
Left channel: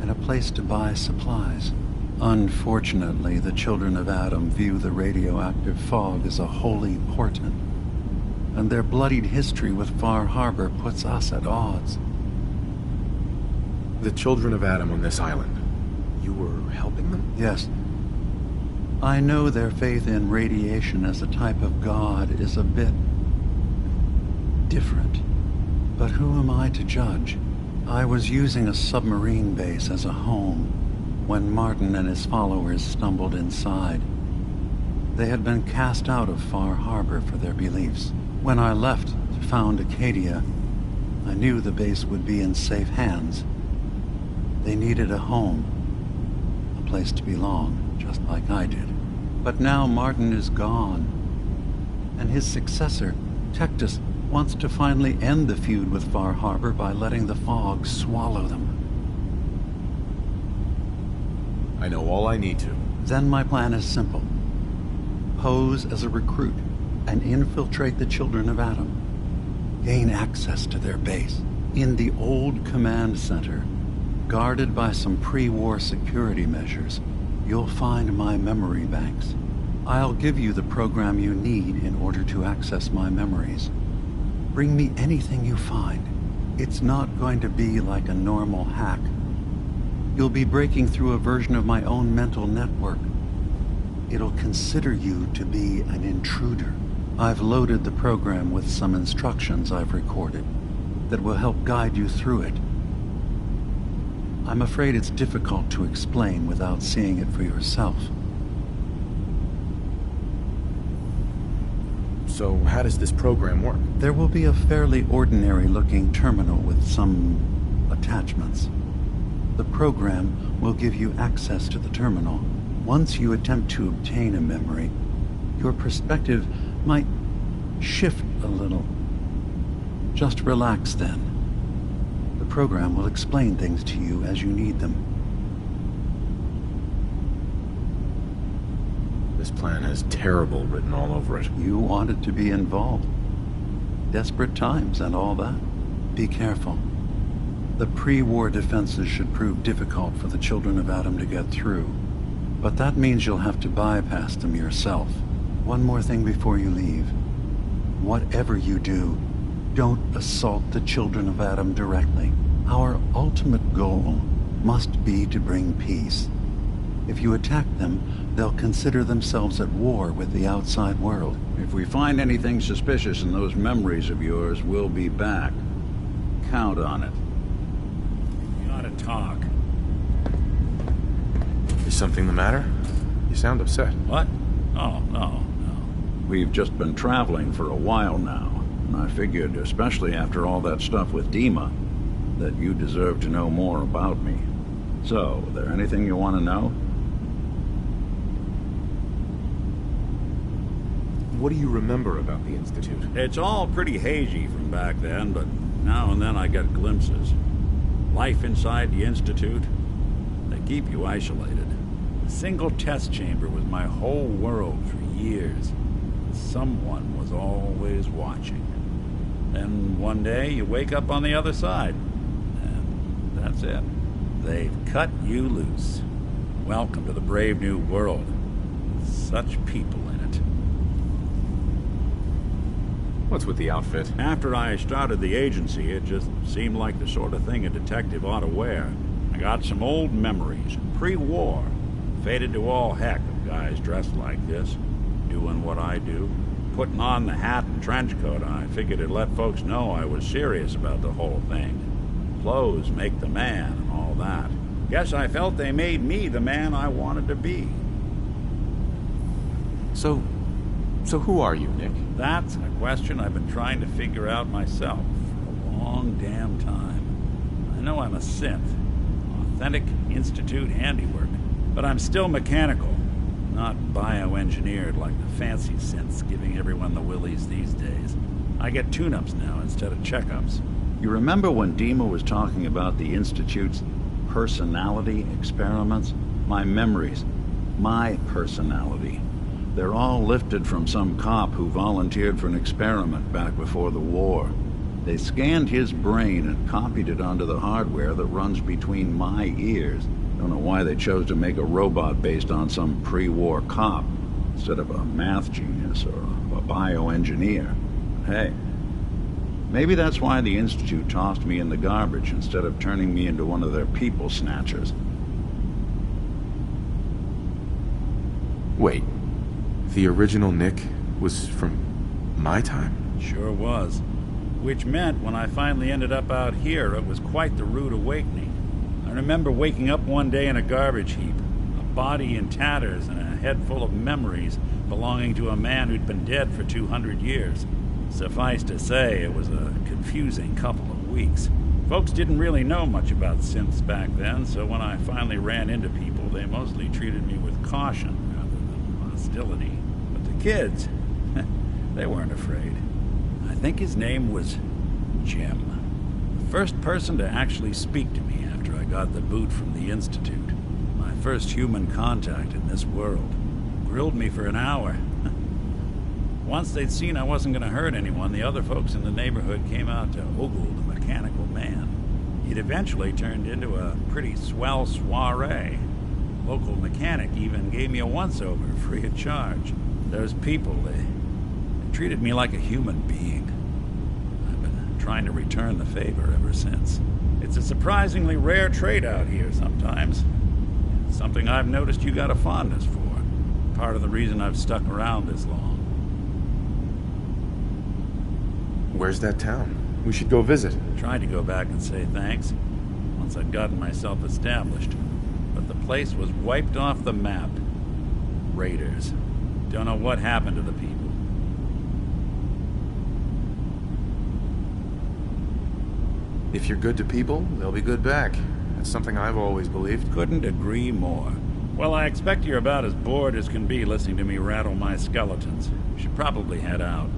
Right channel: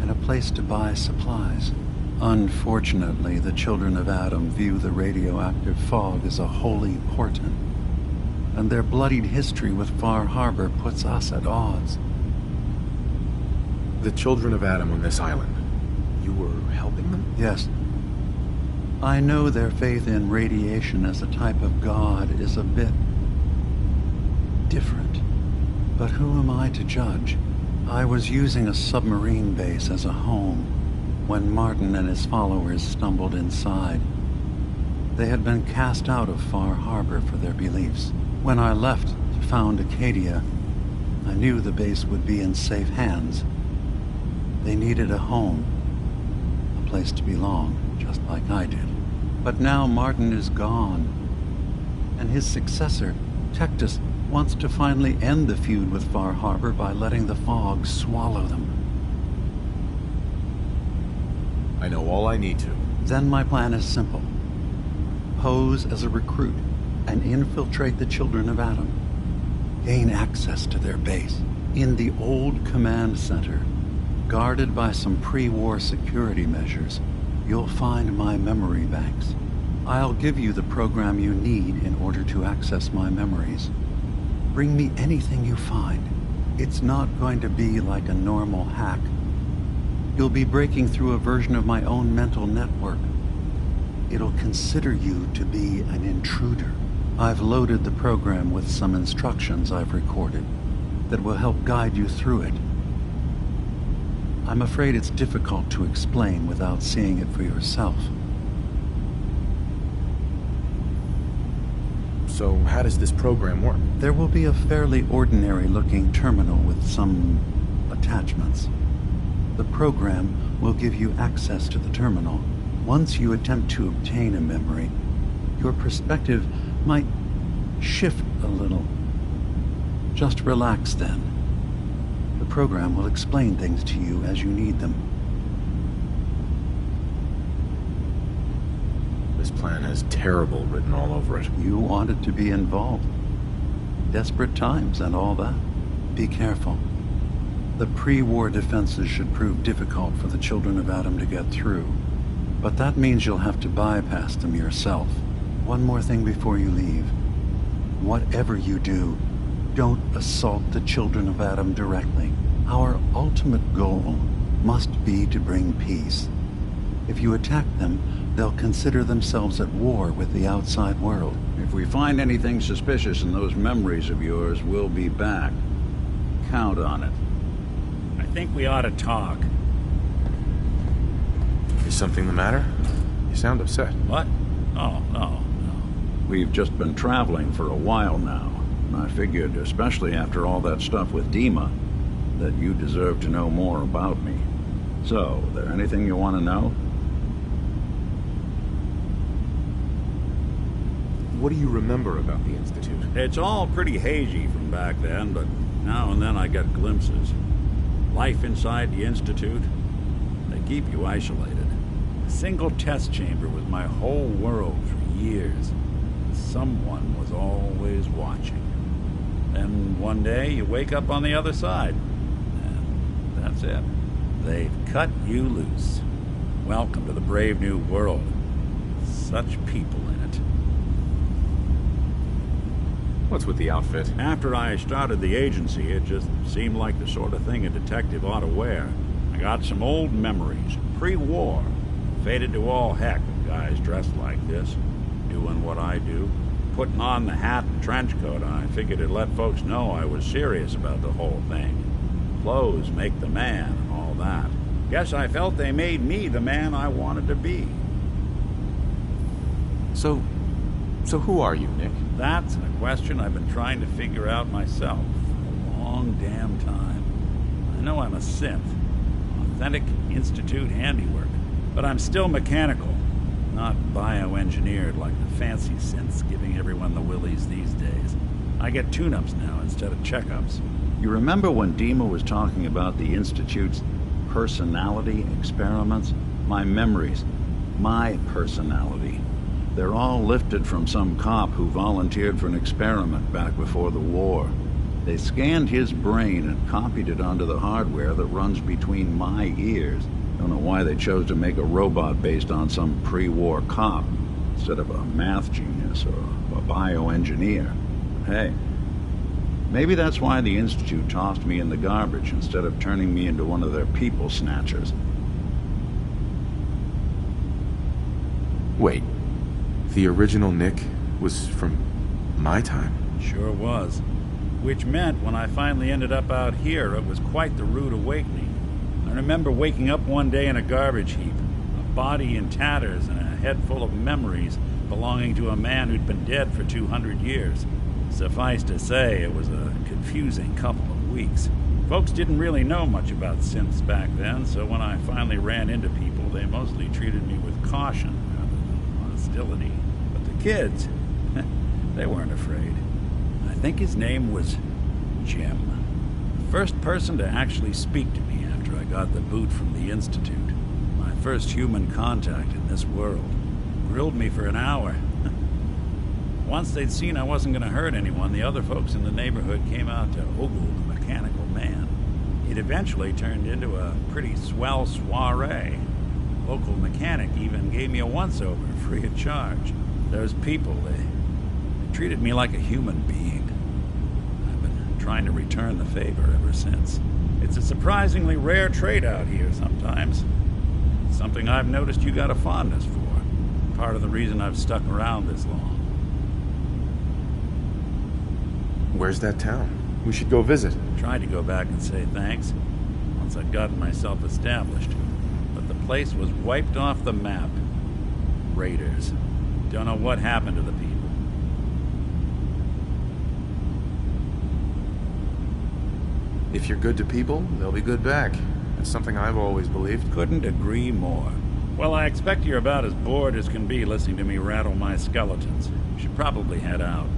and a place to buy supplies. Unfortunately, the children of Adam view the radioactive fog as a holy portent, and their bloodied history with Far Harbor puts us at odds. The children of Adam on this island, you were helping them? Yes. I know their faith in radiation as a type of god is a bit different, but who am I to judge? I was using a submarine base as a home when Martin and his followers stumbled inside. They had been cast out of Far Harbor for their beliefs. When I left to found Acadia, I knew the base would be in safe hands. They needed a home, a place to belong, just like I did. But now Martin is gone, and his successor, Tectus, wants to finally end the feud with Far Harbor by letting the fog swallow them. I know all I need to. Then my plan is simple. Pose as a recruit and infiltrate the children of Adam. Gain access to their base. In the old command center, guarded by some pre-war security measures, you'll find my memory banks. I'll give you the program you need in order to access my memories. Bring me anything you find. It's not going to be like a normal hack. You'll be breaking through a version of my own mental network. It'll consider you to be an intruder. I've loaded the program with some instructions I've recorded that will help guide you through it. I'm afraid it's difficult to explain without seeing it for yourself. So how does this program work? There will be a fairly ordinary-looking terminal with some attachments. The program will give you access to the terminal. Once you attempt to obtain a memory, your perspective might shift a little. Just relax then. The program will explain things to you as you need them. This plan has terrible written all over it. You wanted to be involved. Desperate times and all that. Be careful. The pre-war defenses should prove difficult for the children of Adam to get through. But that means you'll have to bypass them yourself. One more thing before you leave. Whatever you do, don't assault the children of Adam directly. Our ultimate goal must be to bring peace. If you attack them, they'll consider themselves at war with the outside world. If we find anything suspicious in those memories of yours, we'll be back. Count on it. I think we ought to talk. Is something the matter? You sound upset. What? Oh, no. We've just been traveling for a while now, and I figured, especially after all that stuff with Dima, that you deserve to know more about me. So, there anything you want to know? What do you remember about the Institute? It's all pretty hazy from back then, but now and then I get glimpses. Life inside the Institute, they keep you isolated. A single test chamber was my whole world for years. Someone was always watching. Then one day you wake up on the other side, and that's it. They've cut you loose. Welcome to the brave new world. Such people in it. What's with the outfit? After I started the agency, it just seemed like the sort of thing a detective ought to wear. I got some old memories, pre-war. Faded to all heck of guys dressed like this, doing what I do. Putting on the hat and trench coat, I figured it'd let folks know I was serious about the whole thing. Clothes make the man and all that. Guess I felt they made me the man I wanted to be. So who are you, Nick? That's a question I've been trying to figure out myself for a long damn time. I know I'm a synth, authentic Institute handiwork, but I'm still mechanical, not bioengineered like the fancy synths giving everyone the willies these days. I get tune-ups now instead of checkups. You remember when Dima was talking about the Institute's personality experiments? My memories, my personality. They're all lifted from some cop who volunteered for an experiment back before the war. They scanned his brain and copied it onto the hardware that runs between my ears. Don't know why they chose to make a robot based on some pre-war cop instead of a math genius or a bioengineer. Hey, maybe that's why the Institute tossed me in the garbage instead of turning me into one of their people snatchers. Wait. The original Nick was from my time? Sure was. Which meant when I finally ended up out here, it was quite the rude awakening. I remember waking up one day in a garbage heap, a body in tatters and a head full of memories belonging to a man who'd been dead for 200 years. Suffice to say, it was a confusing couple of weeks. Folks didn't really know much about synths back then, so when I finally ran into people, they mostly treated me with caution rather than hostility. But the kids, they weren't afraid. I think his name was Jim. The first person to actually speak to me after I got the boot from the Institute. My first human contact in this world. Grilled me for an hour. Once they'd seen I wasn't going to hurt anyone, the other folks in the neighborhood came out to ogle the mechanical man. It eventually turned into a pretty swell soiree. The local mechanic even gave me a once-over free of charge. Those people, they treated me like a human being. I've been trying to return the favor ever since. It's a surprisingly rare trait out here sometimes. Something I've noticed you got a fondness for. Part of the reason I've stuck around this long. Where's that town? We should go visit. Tried to go back and say thanks, once I'd gotten myself established. But the place was wiped off the map. Raiders. Don't know what happened to the people. If you're good to people, they'll be good back. That's something I've always believed. Couldn't agree more. Well, I expect you're about as bored as can be listening to me rattle my skeletons. You should probably head out.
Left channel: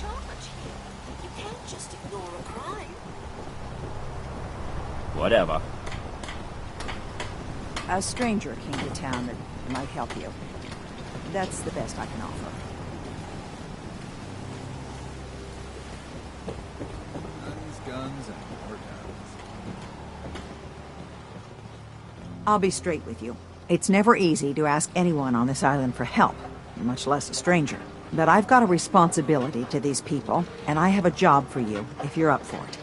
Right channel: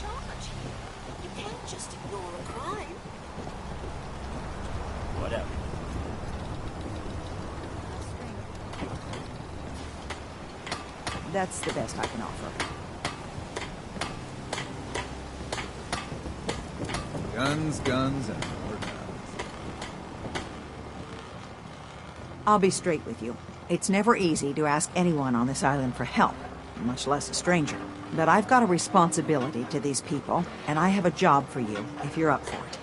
charge here. You can't just ignore a crime. Whatever. A stranger came to town and might help you. That's the best I can offer. Guns, guns, and more guns. I'll be straight with you. It's never easy to ask anyone on this island for help, much less a stranger. But I've got a responsibility to these people, and I have a job for you if you're up for it.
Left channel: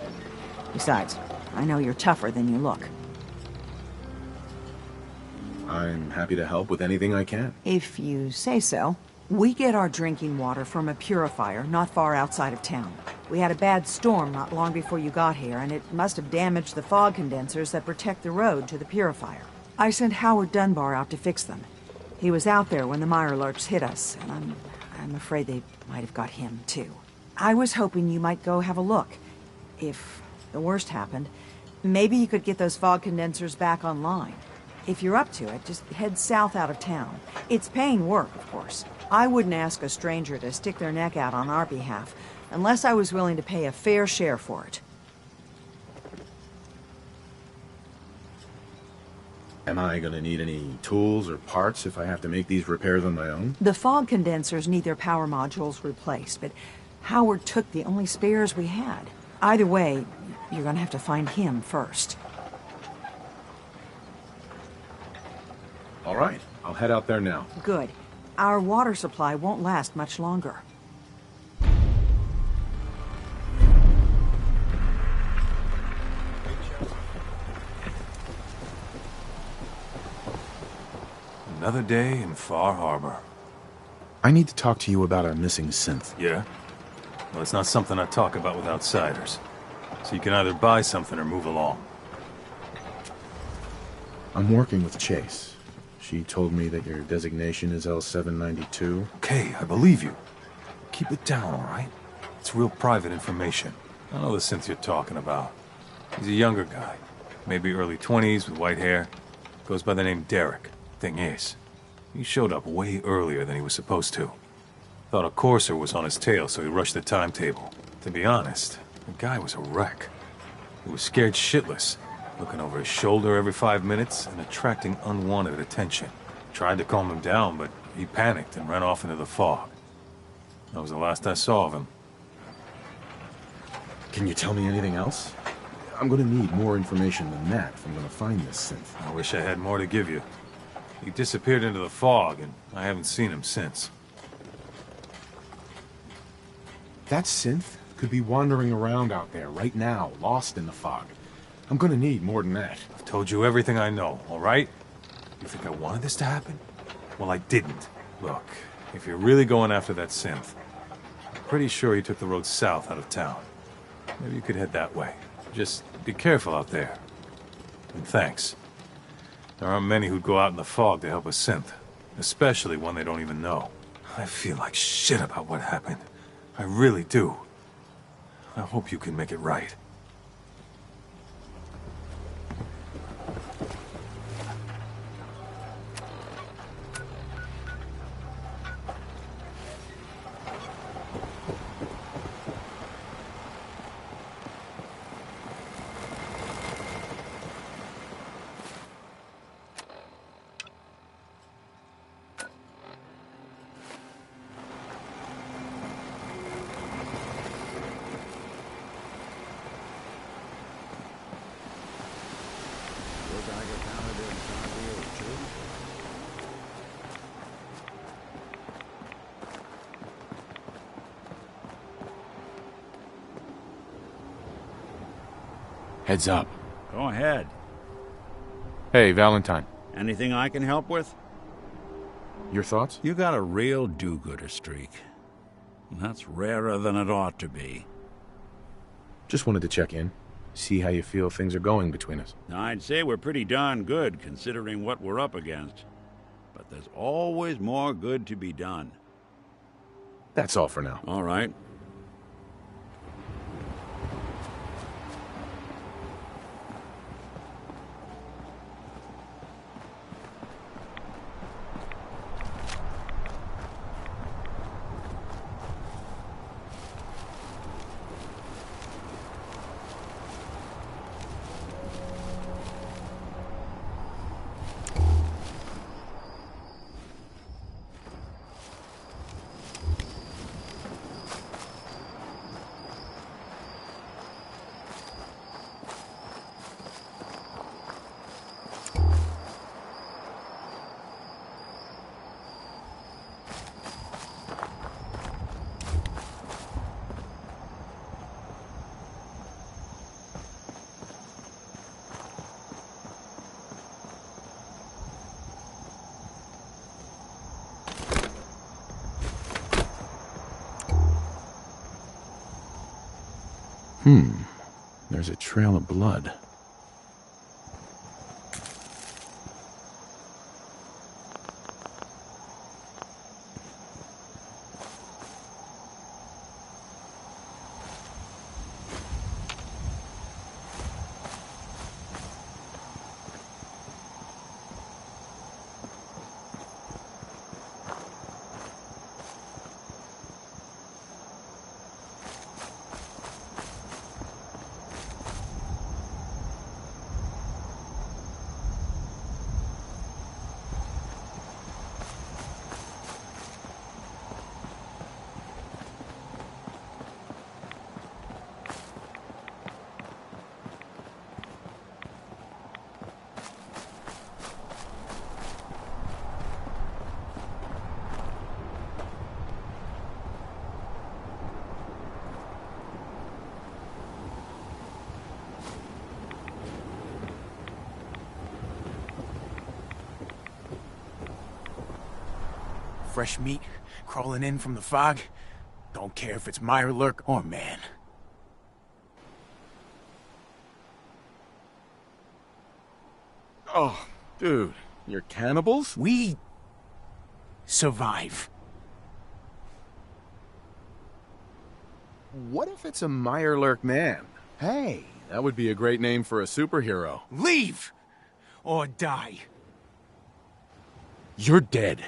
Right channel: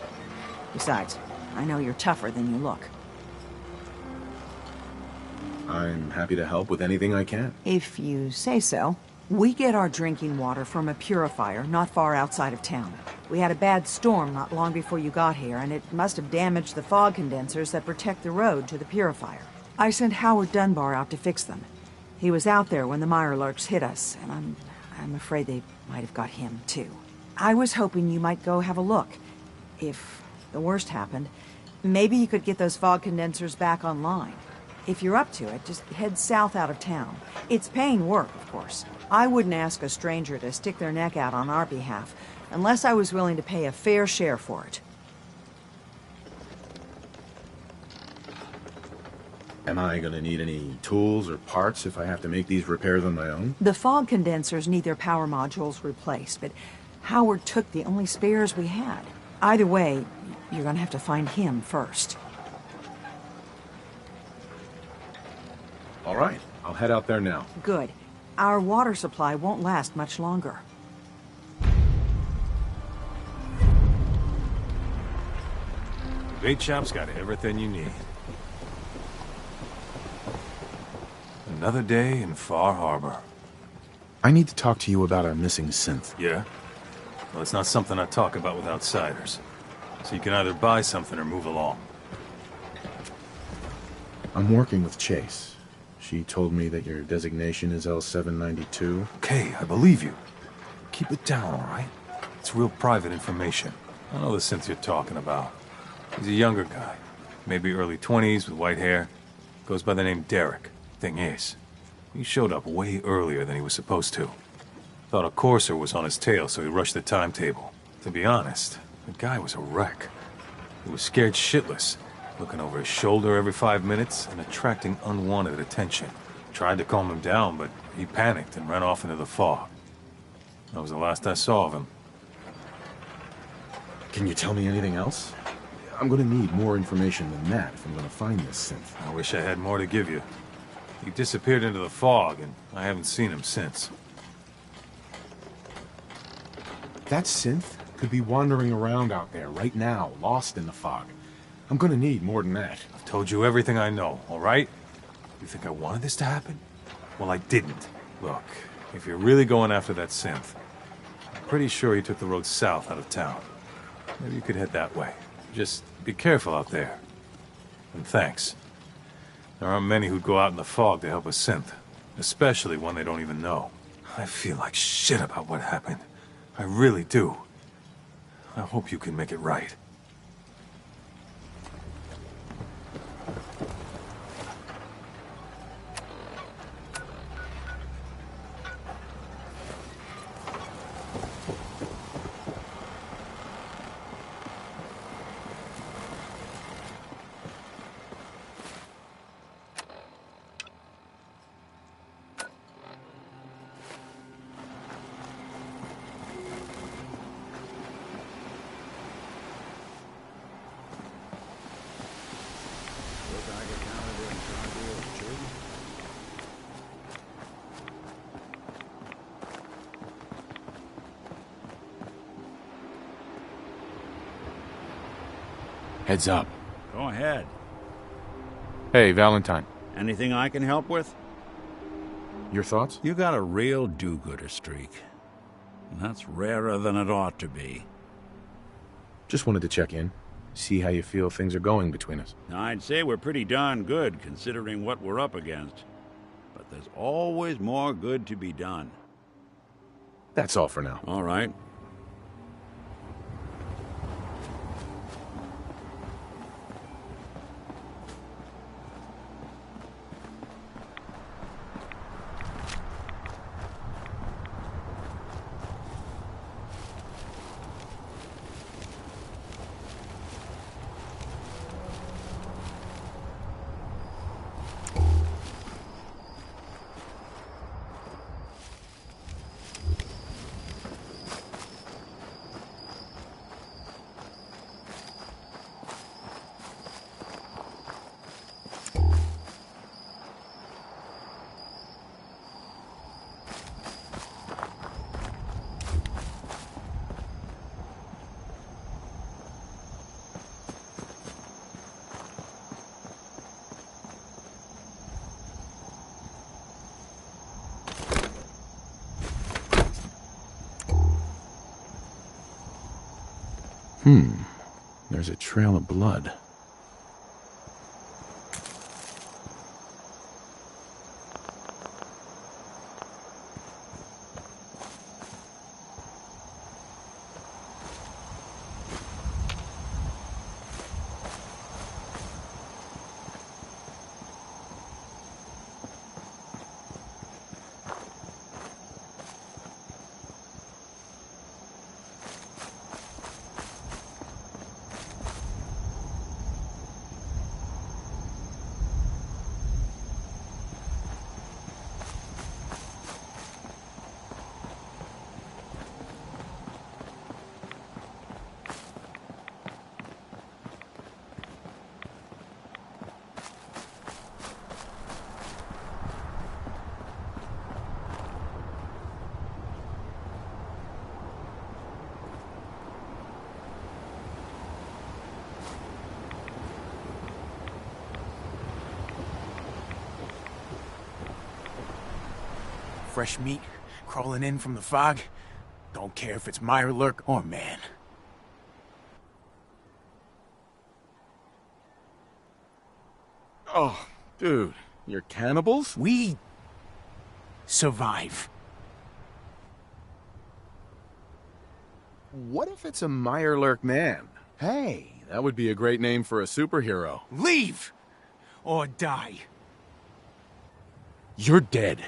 Besides, I know you're tougher than you look. I'm happy to help with anything I can. If you say so. We get our drinking water from a purifier not far outside of town. We had a bad storm not long before you got here, and it must have damaged the fog condensers that protect the road to the purifier. I sent Howard Dunbar out to fix them. He was out there when the Mirelurks hit us, and I'm afraid they might have got him, too. I was hoping you might go have a look. If the worst happened, maybe you could get those fog condensers back online. If you're up to it, just head south out of town. It's paying work, of course. I wouldn't ask a stranger to stick their neck out on our behalf, unless I was willing to pay a fair share for it. Am I gonna need any tools or parts if I have to make these repairs on my own? The fog condensers need their power modules replaced, but Howard took the only spares we had. Either way, you're gonna have to find him first. All right, I'll head out there now. Good. Our water supply won't last much longer. Bait Shop's got everything you need. Another day in Far Harbor. I need to talk to you about a missing synth. Yeah? Well, it's not something I talk about with outsiders. So you can either buy something or move along. I'm working with Chase. She told me that your designation is L792. Okay, I believe you. Keep it down, all right? It's real private information. I know the synth you're talking about. He's a younger guy. Maybe early 20s with white hair. Goes by the name Derek. Thing is, he showed up way earlier than he was supposed to. Thought a courser was on his tail, so he rushed the timetable. To be honest, the guy was a wreck. He was scared shitless, looking over his shoulder every 5 minutes and attracting unwanted attention. Tried to calm him down, but he panicked and ran off into the fog. That was the last I saw of him. Can you tell me anything else? I'm gonna need more information than that if I'm gonna find this synth. I wish I had more to give you. He disappeared into the fog, and I haven't seen him since. That synth could be wandering around out there right now, lost in the fog. I'm gonna need more than that. I've told you everything I know, all right? You think I wanted this to happen? Well, I didn't. Look, if you're really going after that synth, I'm pretty sure he took the road south out of town. Maybe you could head that way. Just be careful out there. And thanks. There aren't many who'd go out in the fog to help a synth, especially one they don't even know. I feel like shit about what happened. I really do. I hope you can make it right. Heads up. Go ahead. Hey, Valentine. Anything I can help with? Your thoughts? You got a real do-gooder streak. And that's rarer than it ought to be. Just wanted to check in. See how you feel things are going between us. I'd say we're pretty darn good, considering what we're up against. But there's always more good to be done. That's all for now. All right. There's a trail of blood. Fresh meat crawling in from the fog. Don't care if it's Mirelurk or man. Oh, dude, you're cannibals? We survive. What if it's a Mirelurk man? Hey, that would be a great name for a superhero. Leave! Or die. You're dead.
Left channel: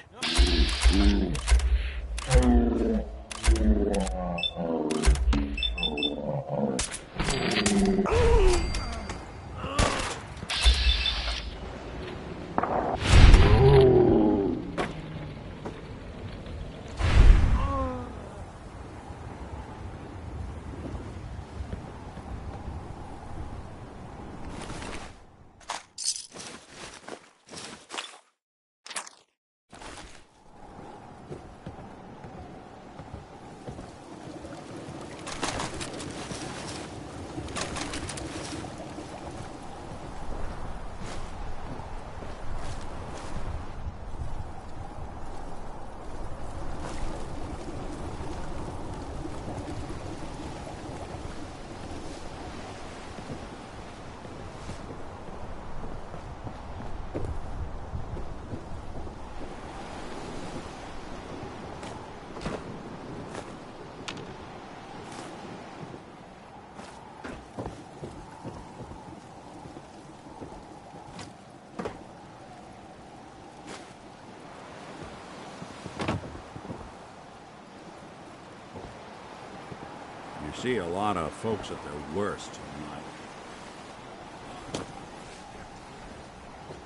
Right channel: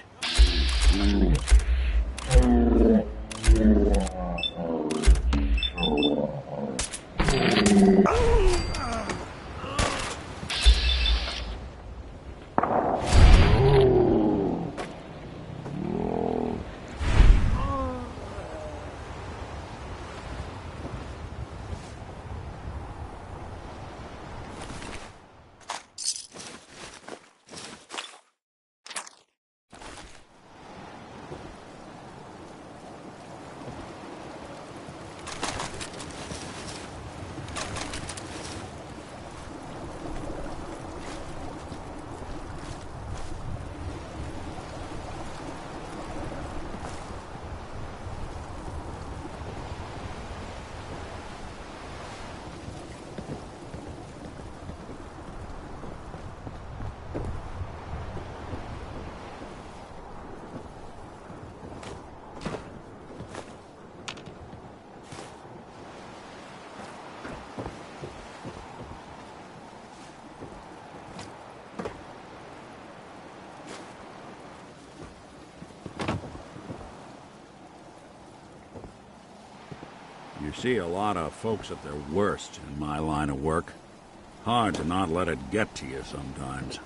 You see a lot of folks at their worst in my line of work. Hard to not let it get to you sometimes.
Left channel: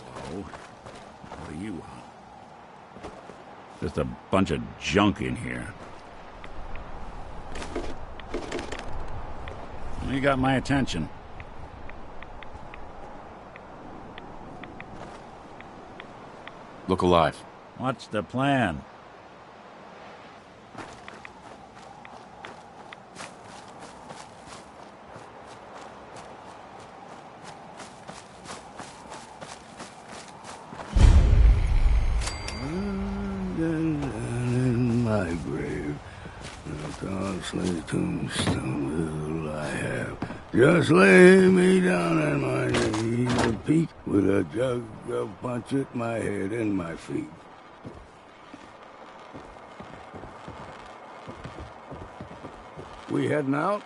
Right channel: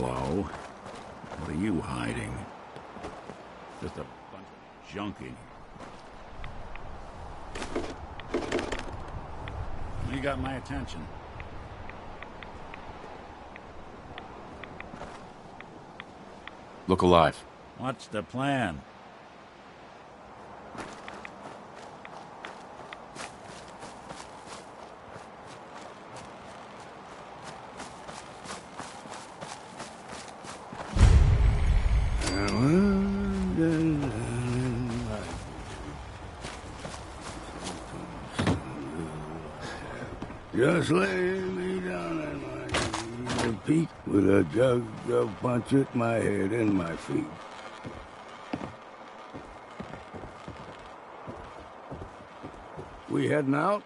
Hello. What are you hiding? Just a bunch of junk in here. You got my attention. Look alive. What's the plan? In my grave, the costly tombstone will I have. Just lay me down on my knees and Pete with a jug of punch at my head and my feet. We heading out?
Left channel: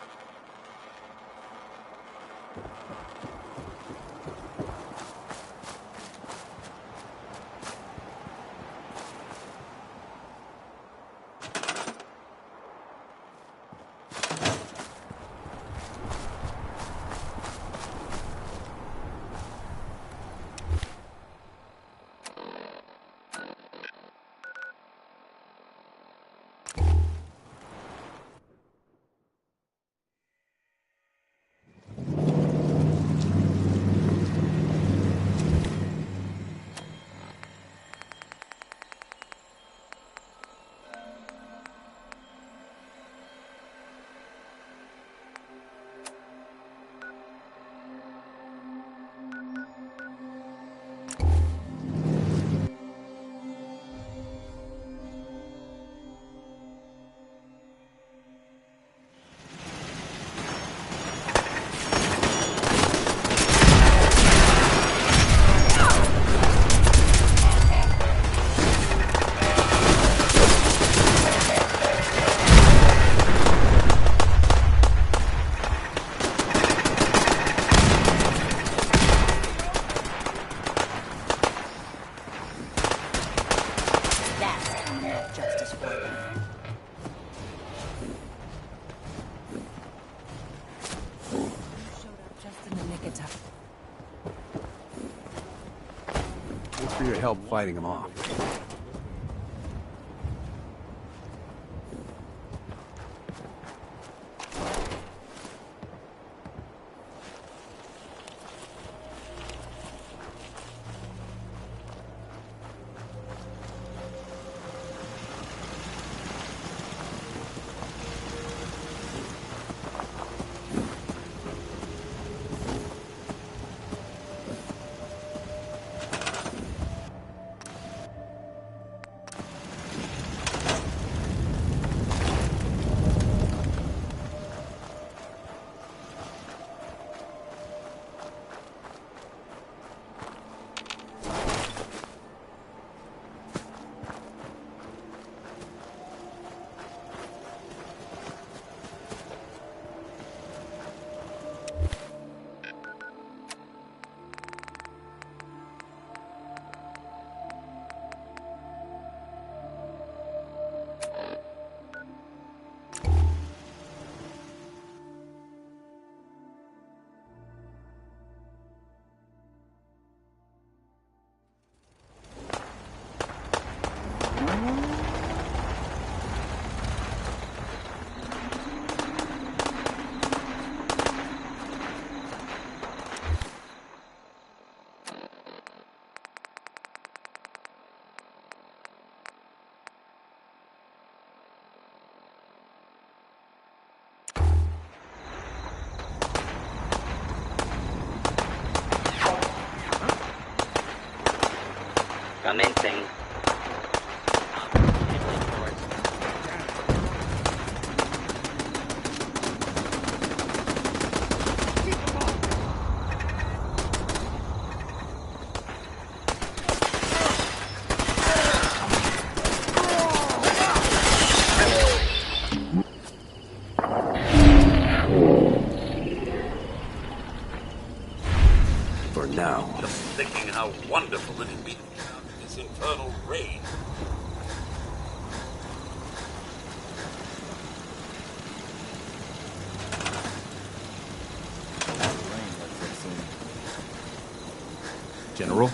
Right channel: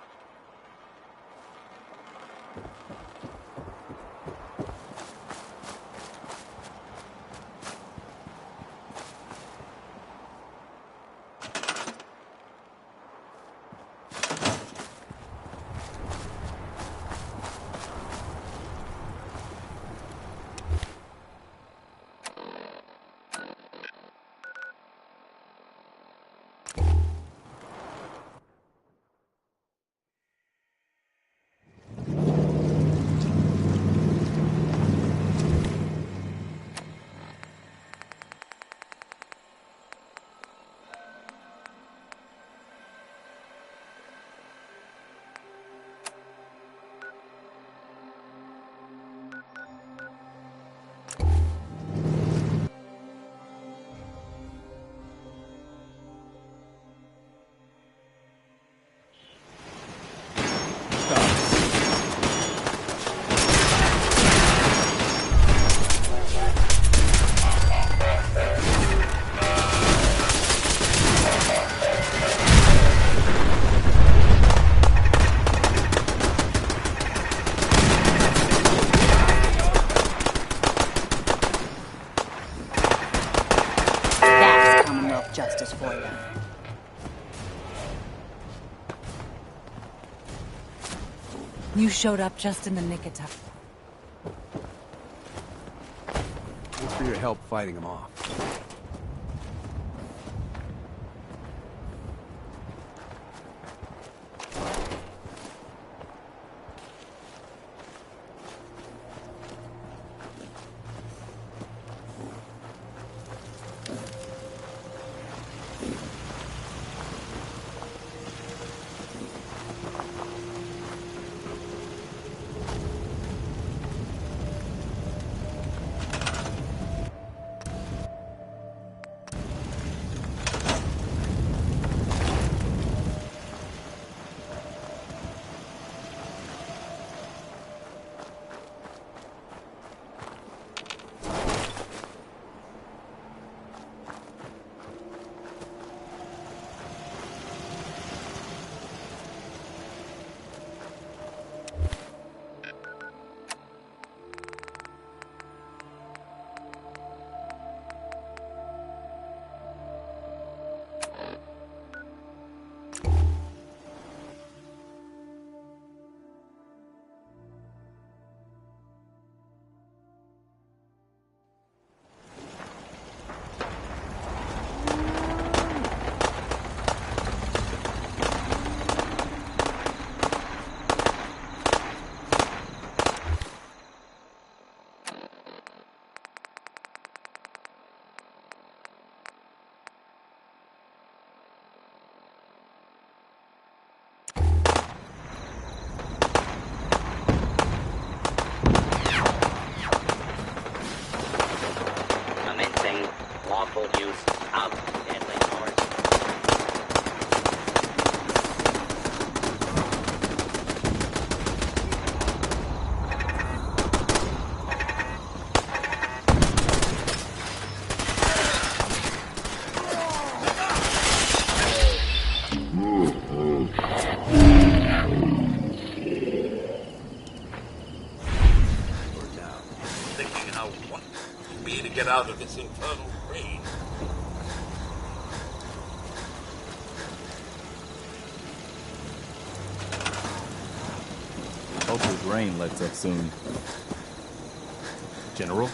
Justice for you. You showed up just in the nick of time. Thanks for your help fighting him off. Commencing lawful use of gambling cards. For now. Thinking how wonderful it'd be to get out of this infernal rain. Hope the rain lets up soon. General?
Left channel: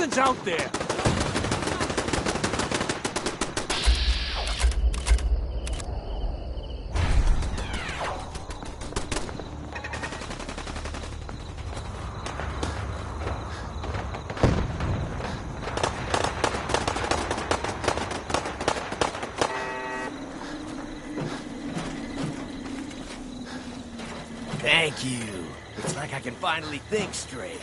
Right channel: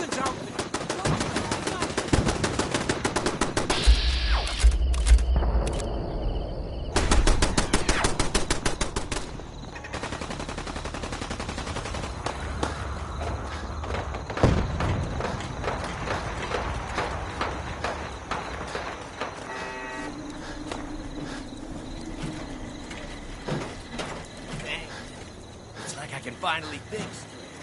Something's out there! Thank you. It's like I can finally think straight.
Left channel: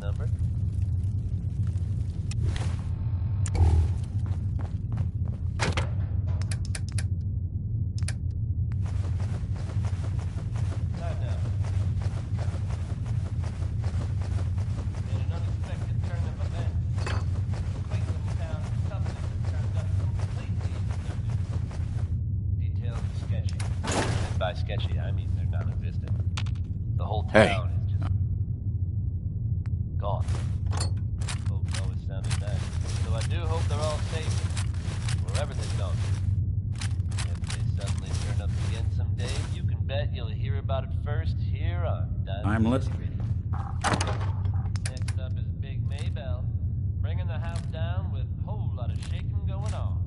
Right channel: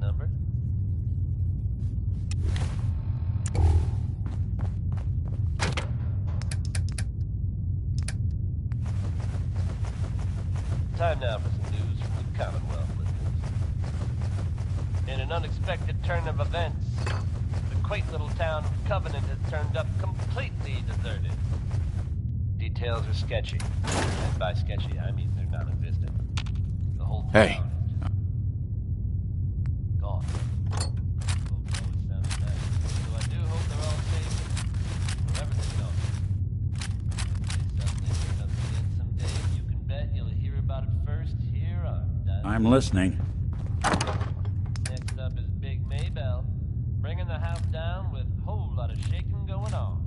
number. Time now for some news from the Commonwealth. In an unexpected turn of events, the quaint little town of Covenant has turned up completely deserted. Details are sketchy. And by sketchy, I mean they're non-existent. The whole town is just gone. Folks always sounded nice, so I do hope they're all safe wherever they've gone. If they suddenly turn up again someday, you can bet you'll hear about it first here on Diamond. I'm listening. Next up is Big Maybell, bringing the house down with a whole lot of shaking going on.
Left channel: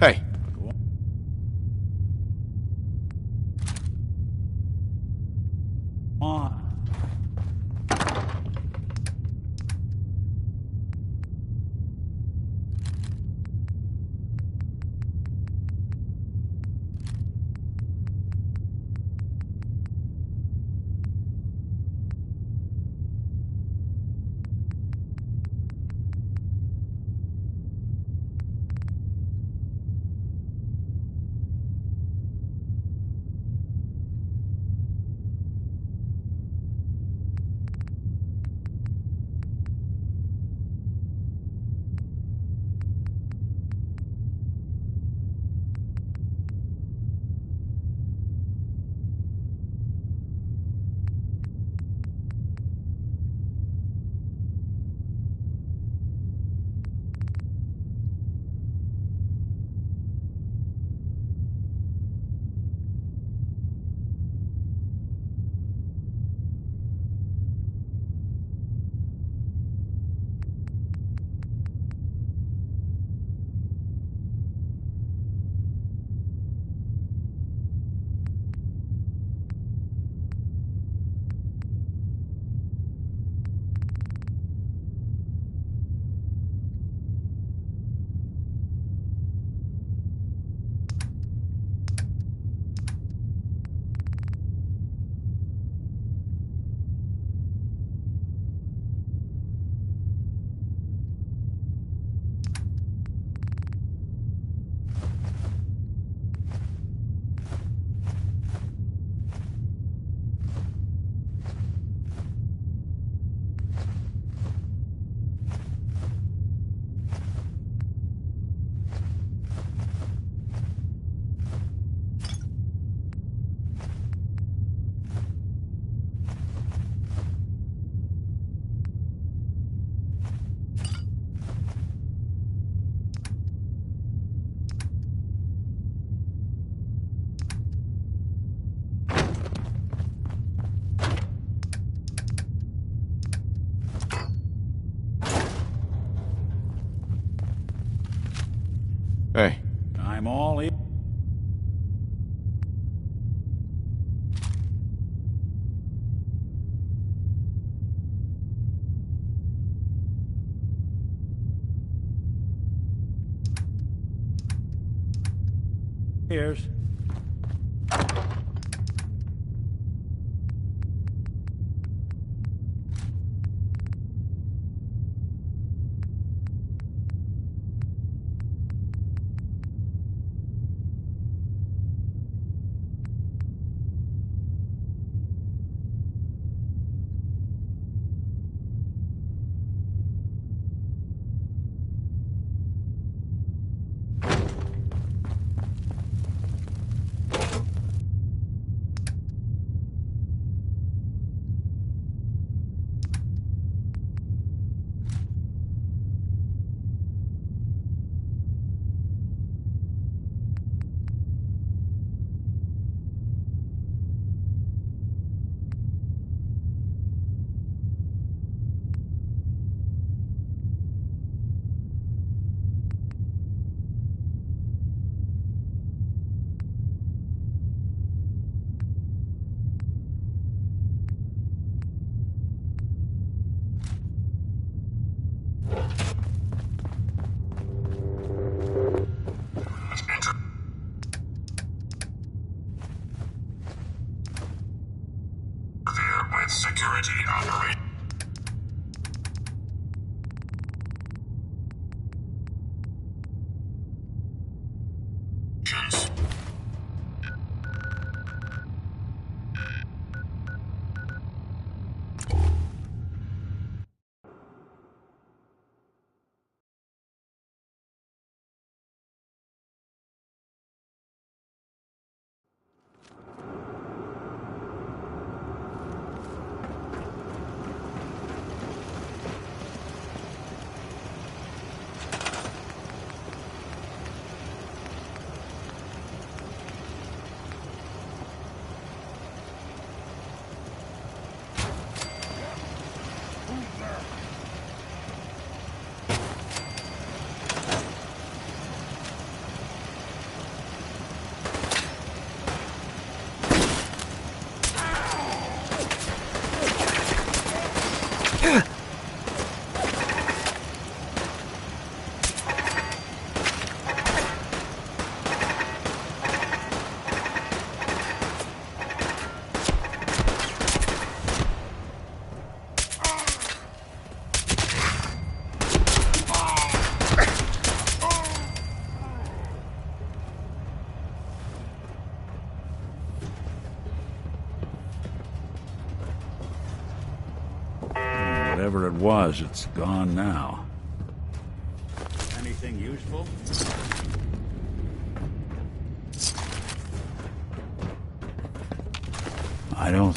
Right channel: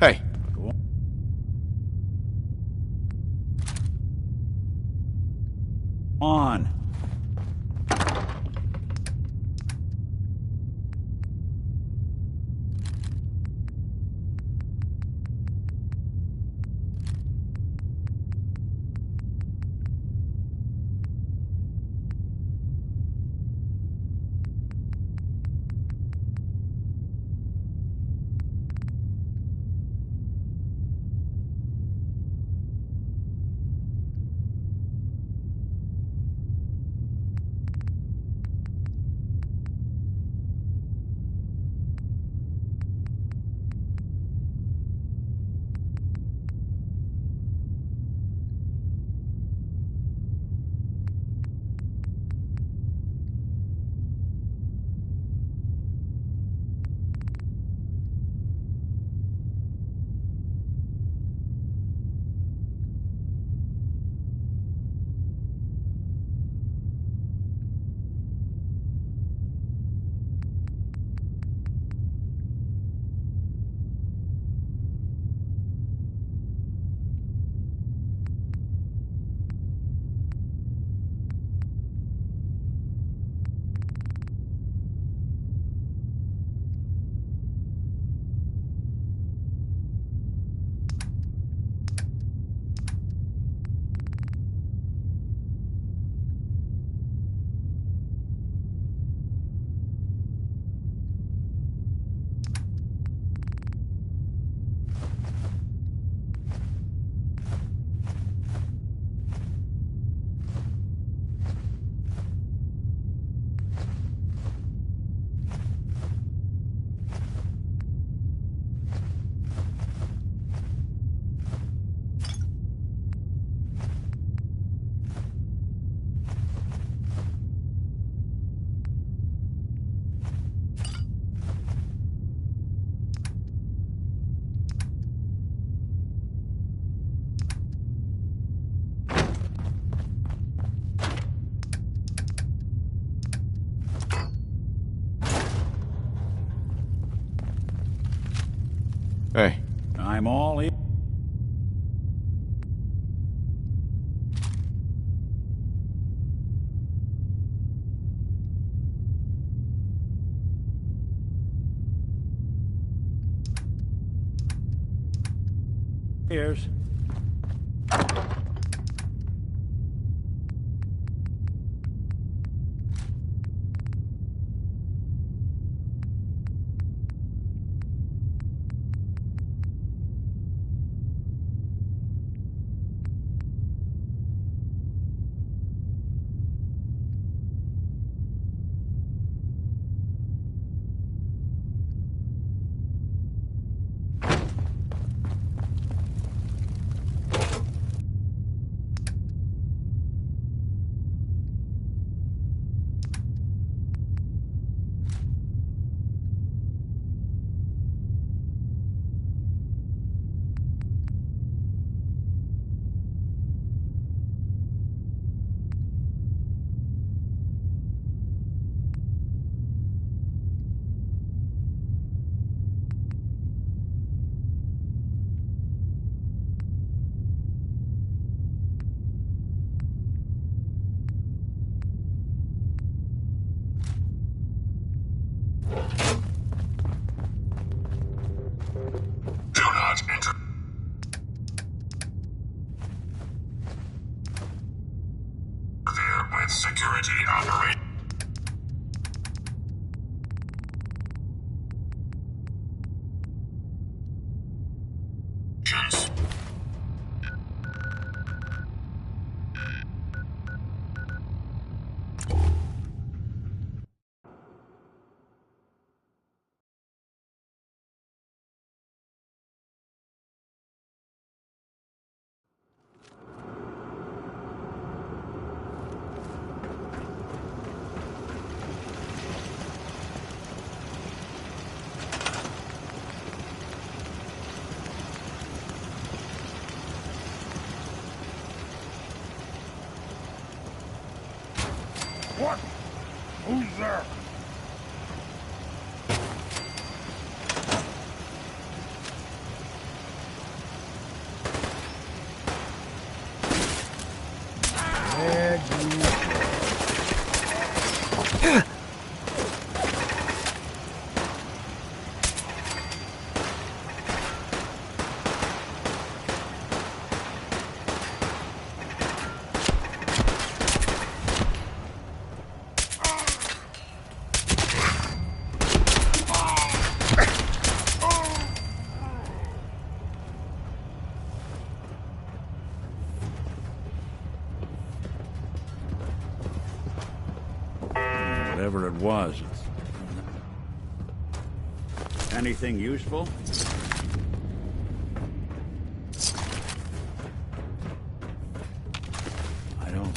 Hey. On. Hey. I'm all in. Here's. With security operations. What? Who's there? Whatever it was, it's gone now. Anything useful? I don't...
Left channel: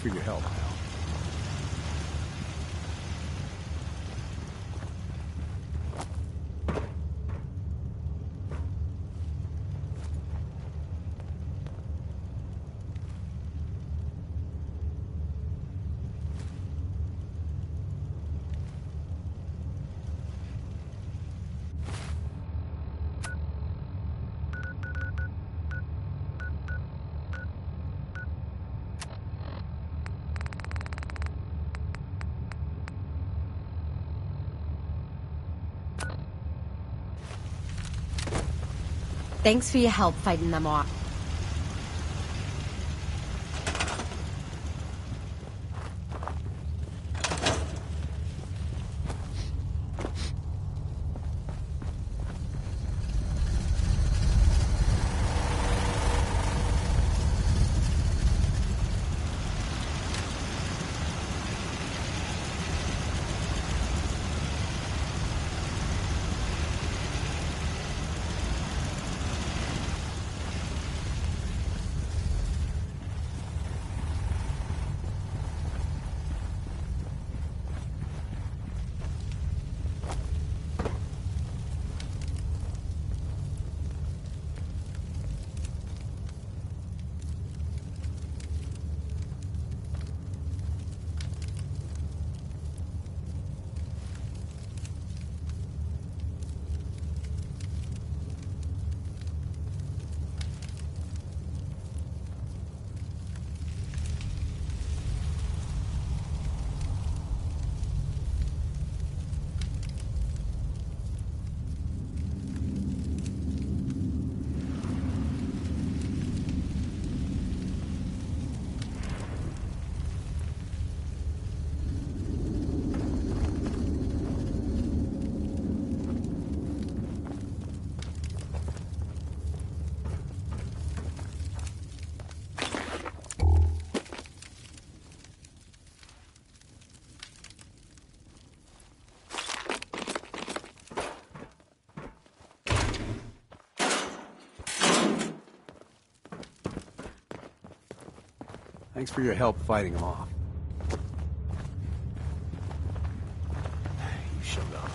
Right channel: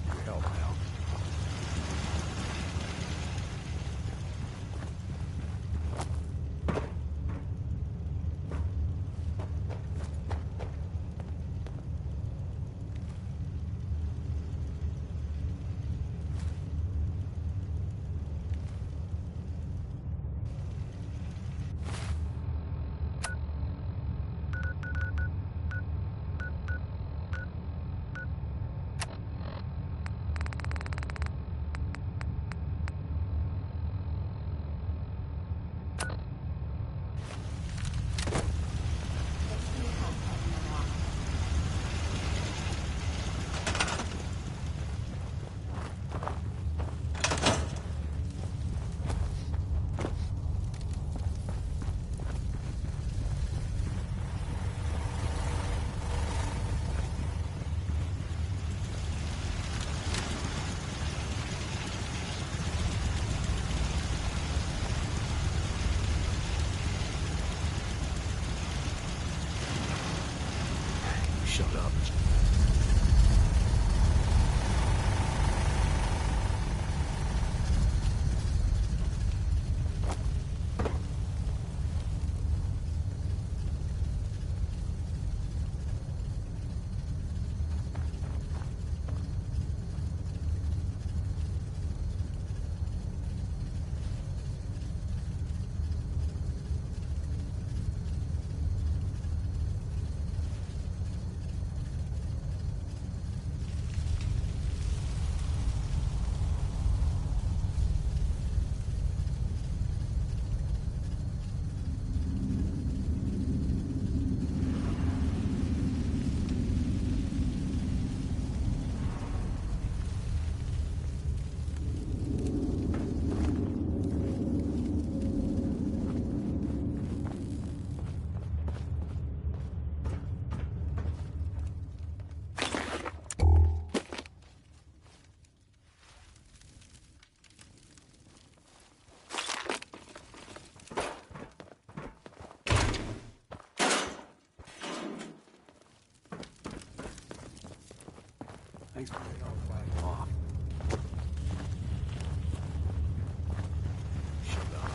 for your help, pal. Thanks for your help fighting them off. Thanks for your help fighting them off. You showed up.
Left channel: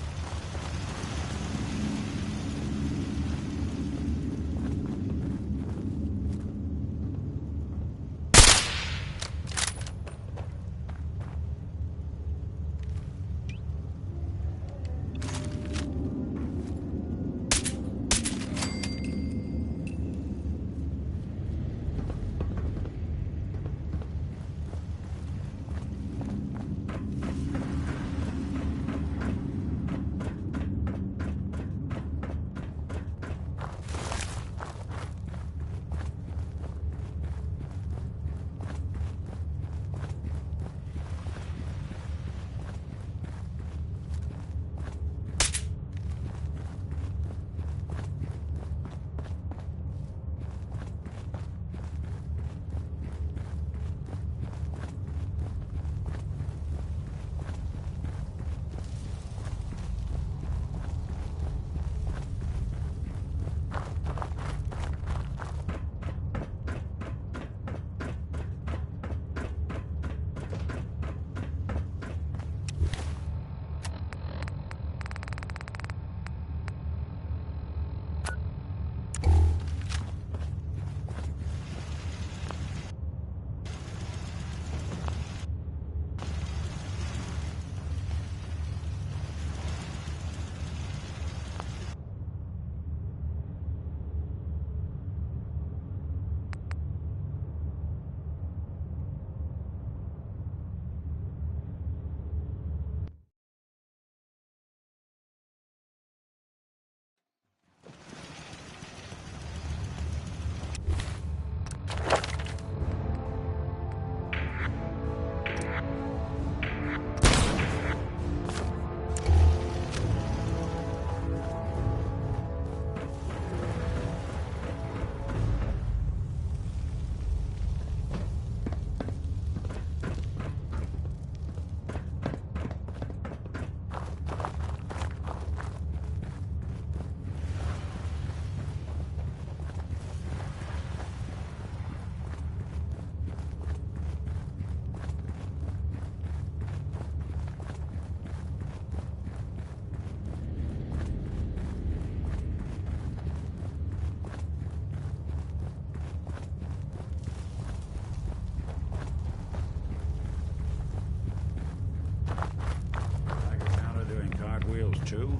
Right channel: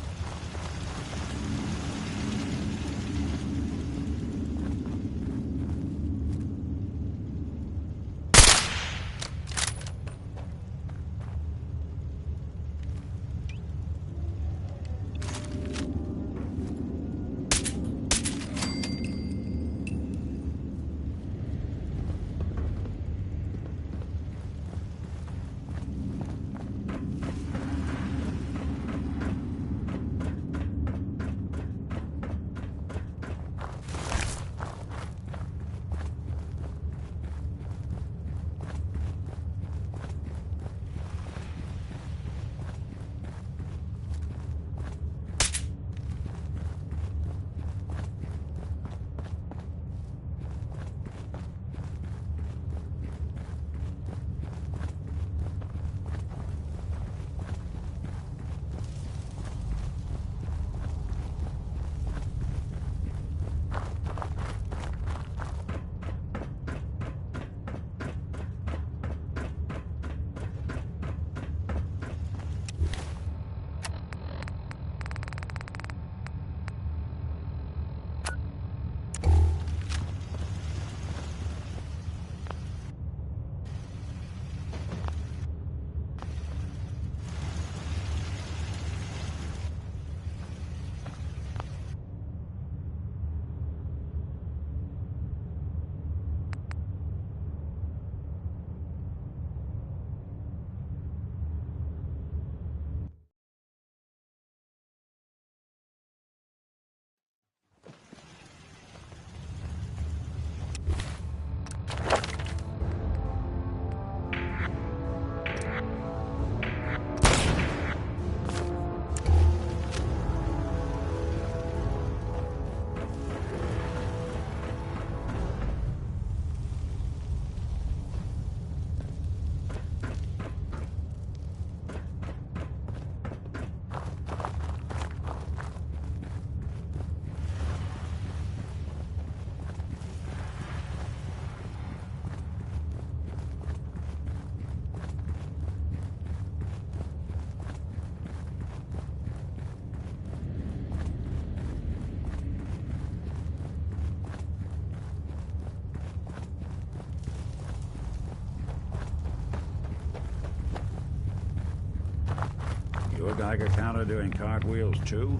Geiger counter doing cartwheels too?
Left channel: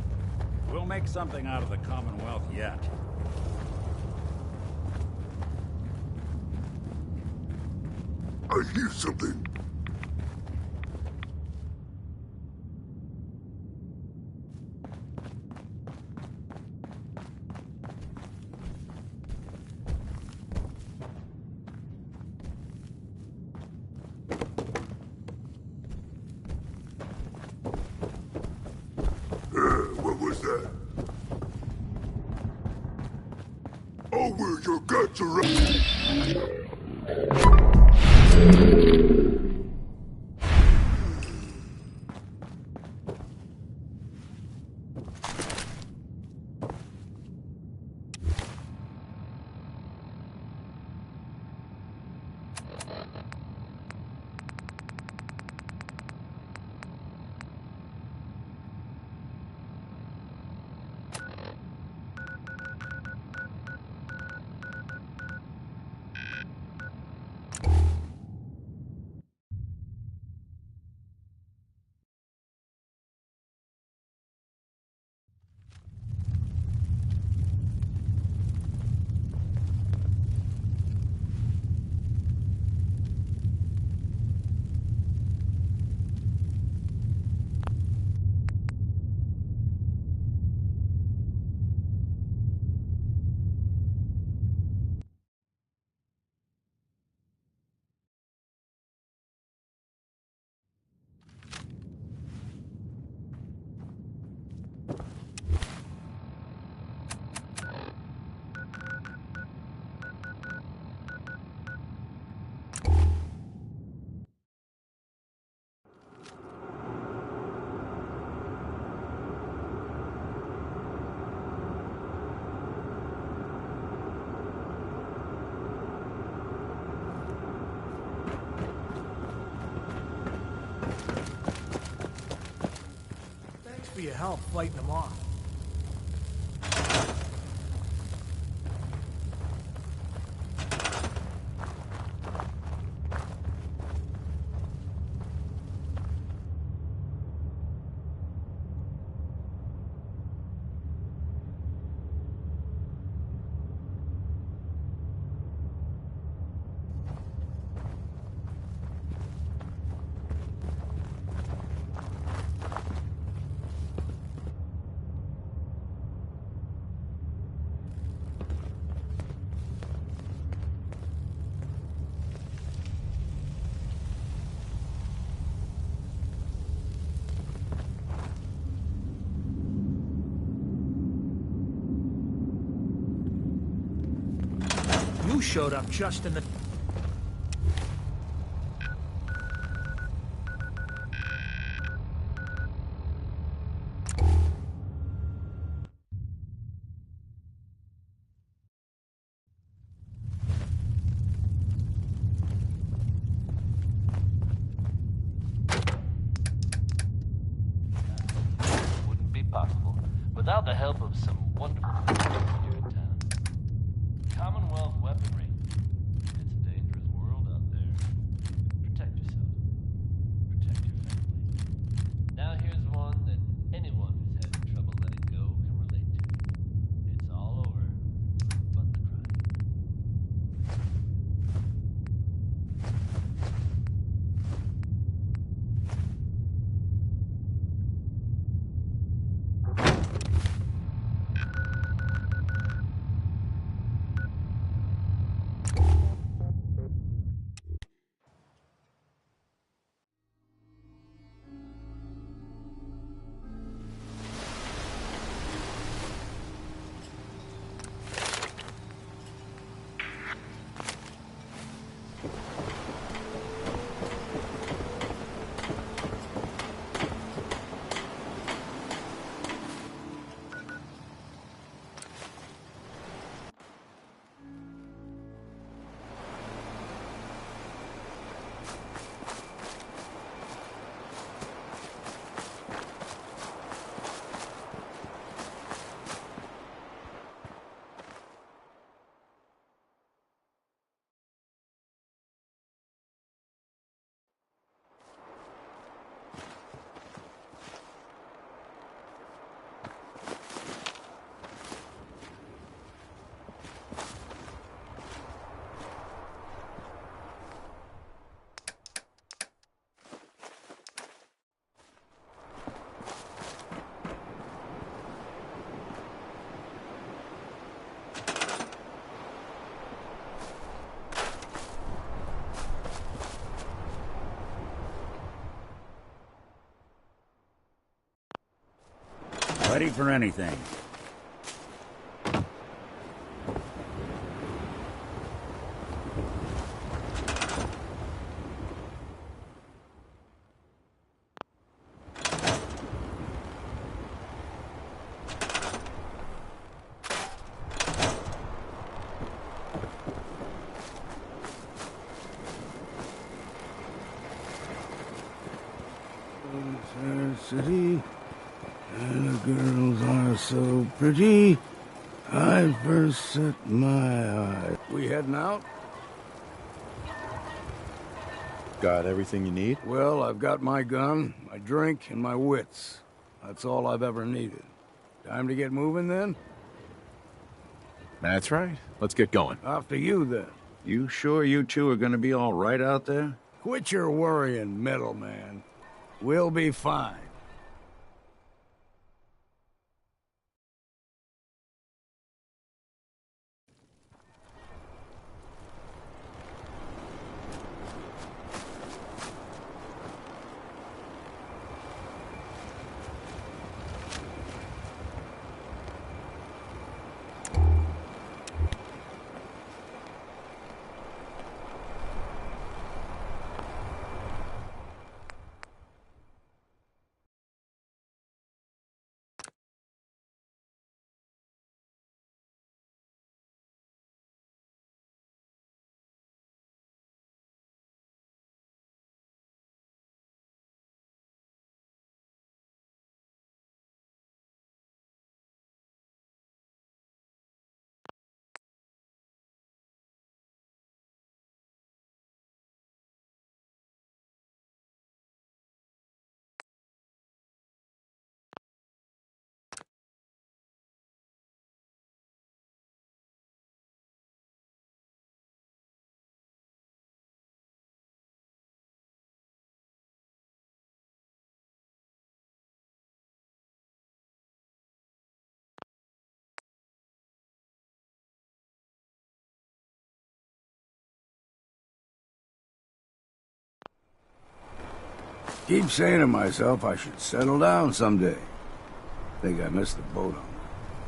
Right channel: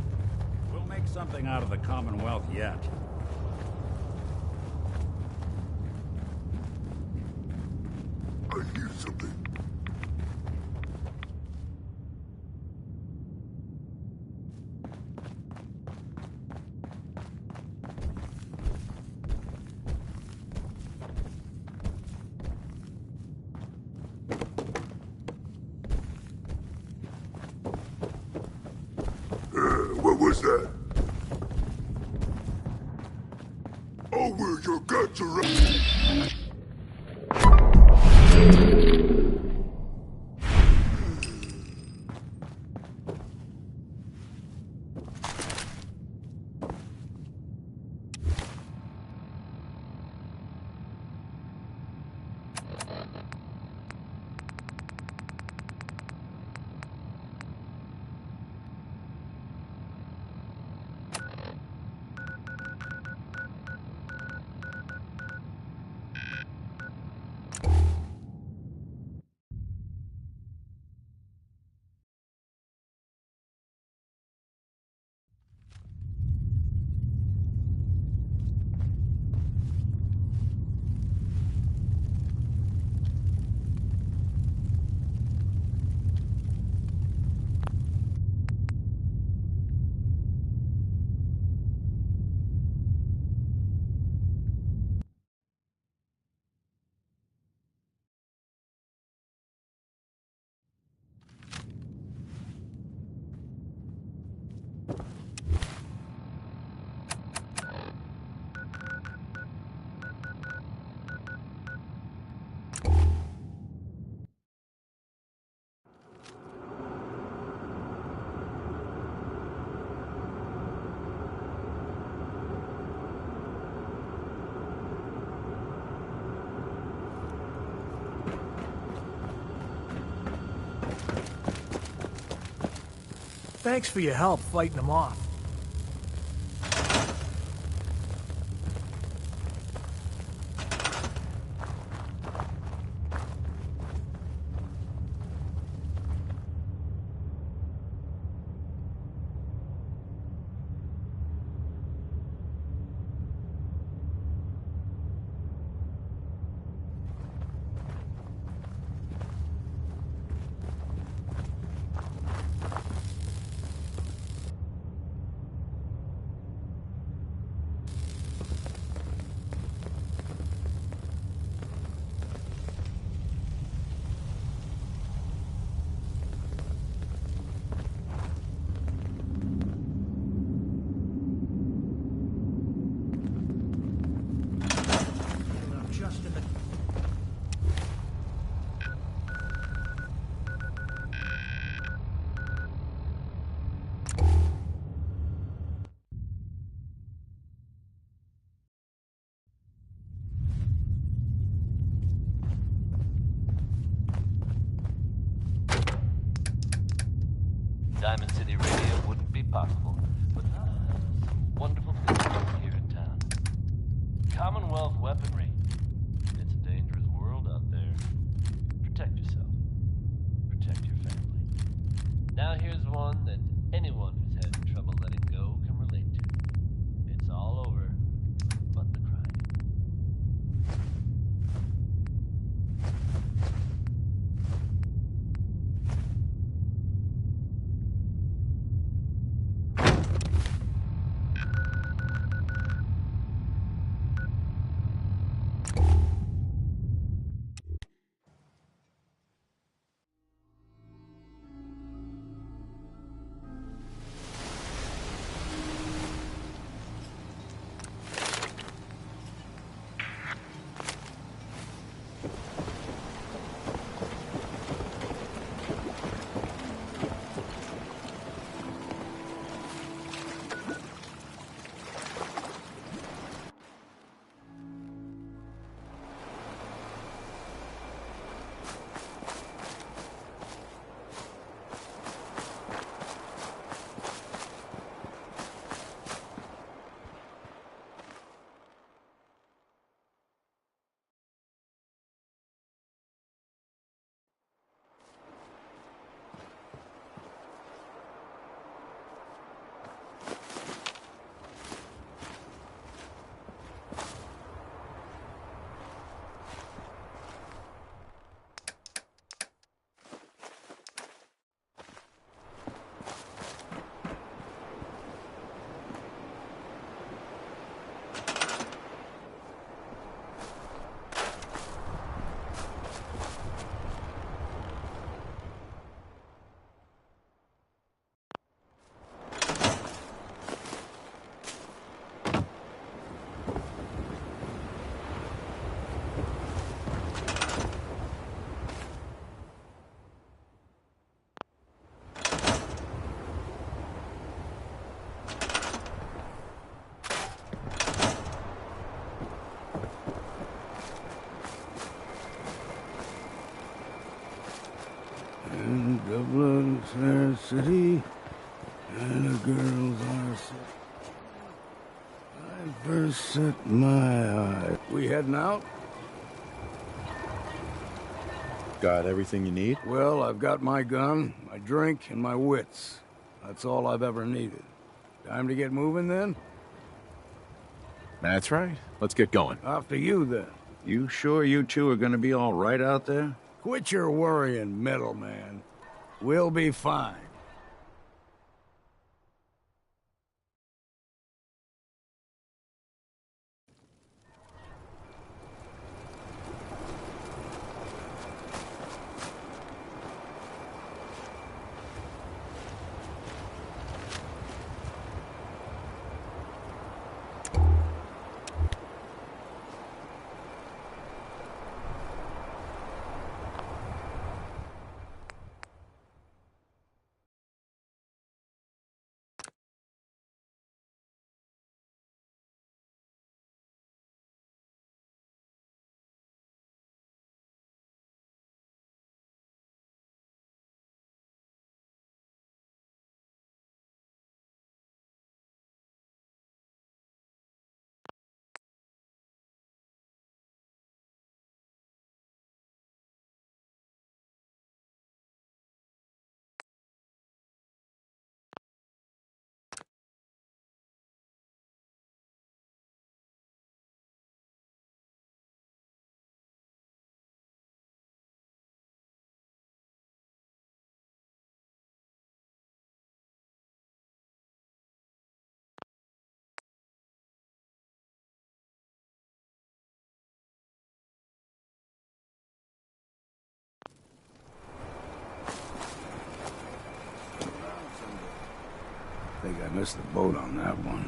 We'll make something out of the Commonwealth yet. I hear something. What was that? Oh, where your guts are at. Thanks for your help fighting them off. You showed up just in the... Diamond City Radio wouldn't be possible without the help of some wonderful businesses here in town. Commonwealth weaponry. It's a dangerous world out there. Protect yourself. Protect your family. Now here's one that anyone who's had trouble letting go can relate to. It's all over, but the crime. Ready for anything. City, and the girls are so pretty. I first set my eye. We heading out? Got everything you need? Well, I've got my gun, my drink, and my wits. That's all I've ever needed. Time to get moving, then? That's right. Let's get going. After you, then. You sure you two are gonna be all right out there? Quit your worrying, middleman. We'll be fine. Keep saying to myself I should settle down someday. Think I missed the boat on that one.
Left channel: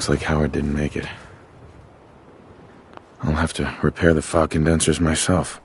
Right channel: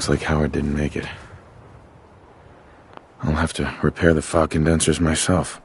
Looks like Howard didn't make it. I'll have to repair the fog condensers myself.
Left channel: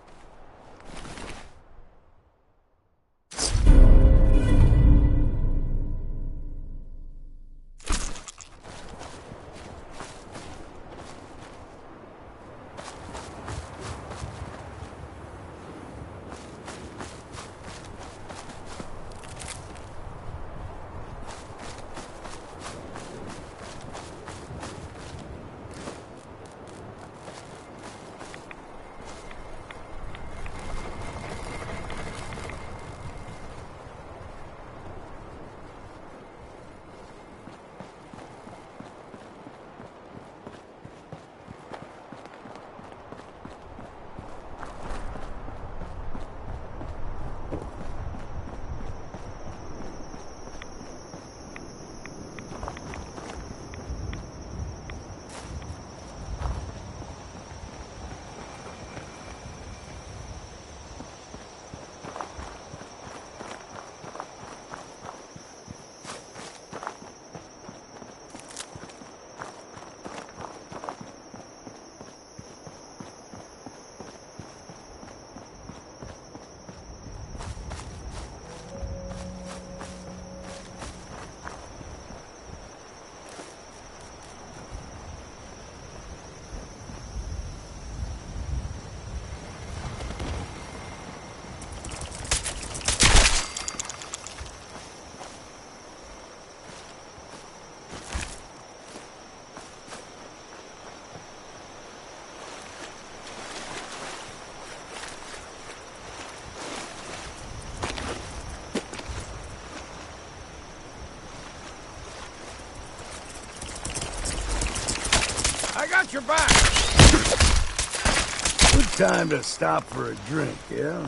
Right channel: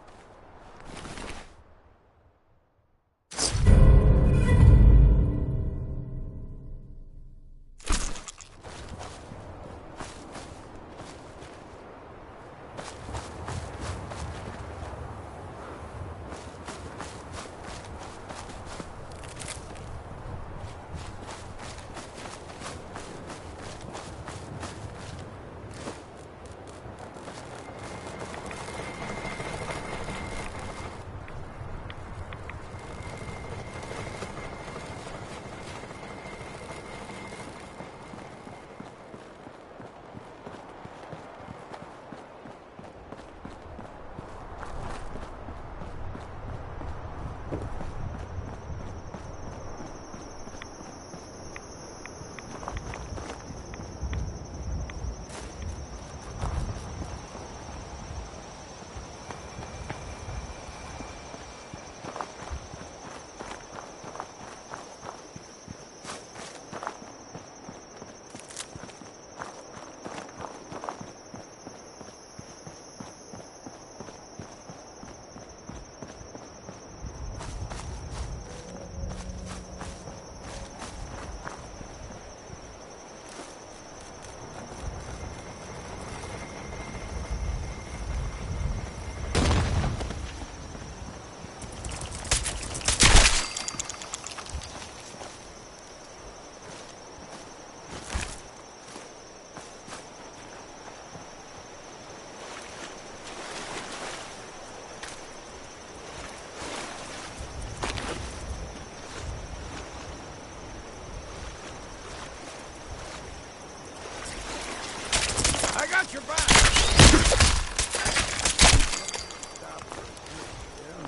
I got your back! Good time to stop for a drink, yeah?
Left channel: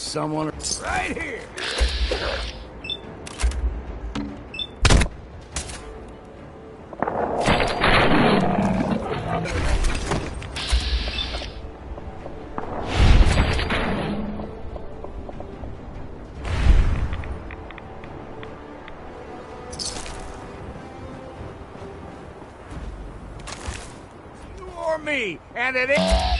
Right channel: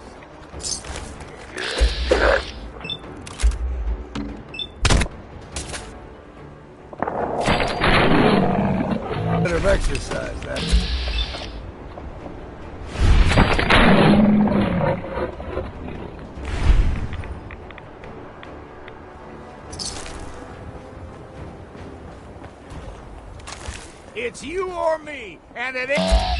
There's someone right here. Bit of exercise, that. It's you or me, and it ain't.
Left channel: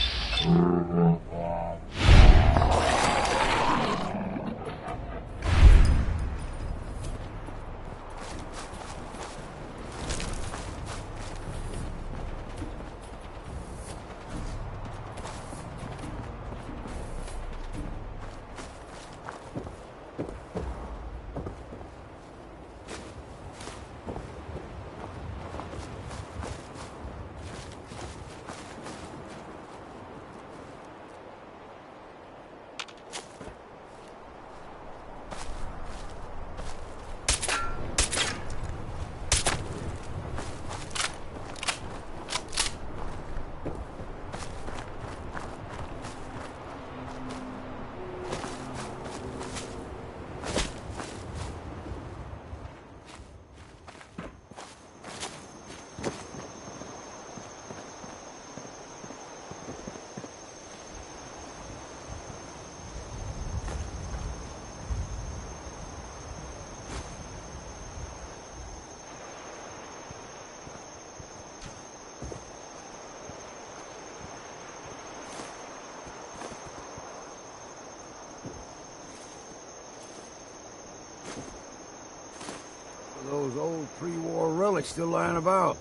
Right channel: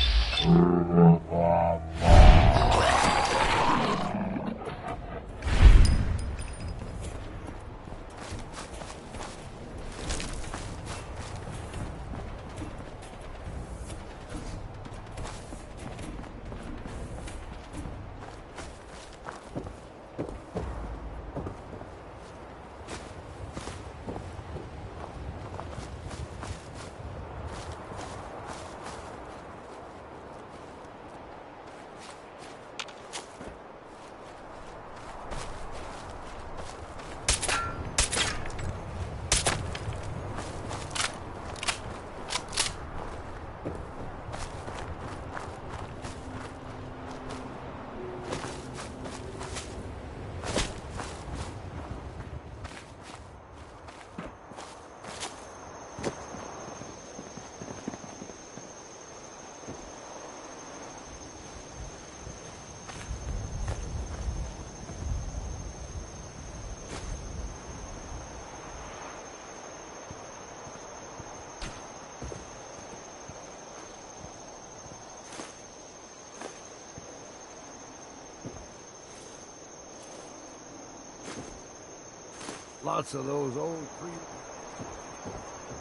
Lots of those old pre-war relics still lying about.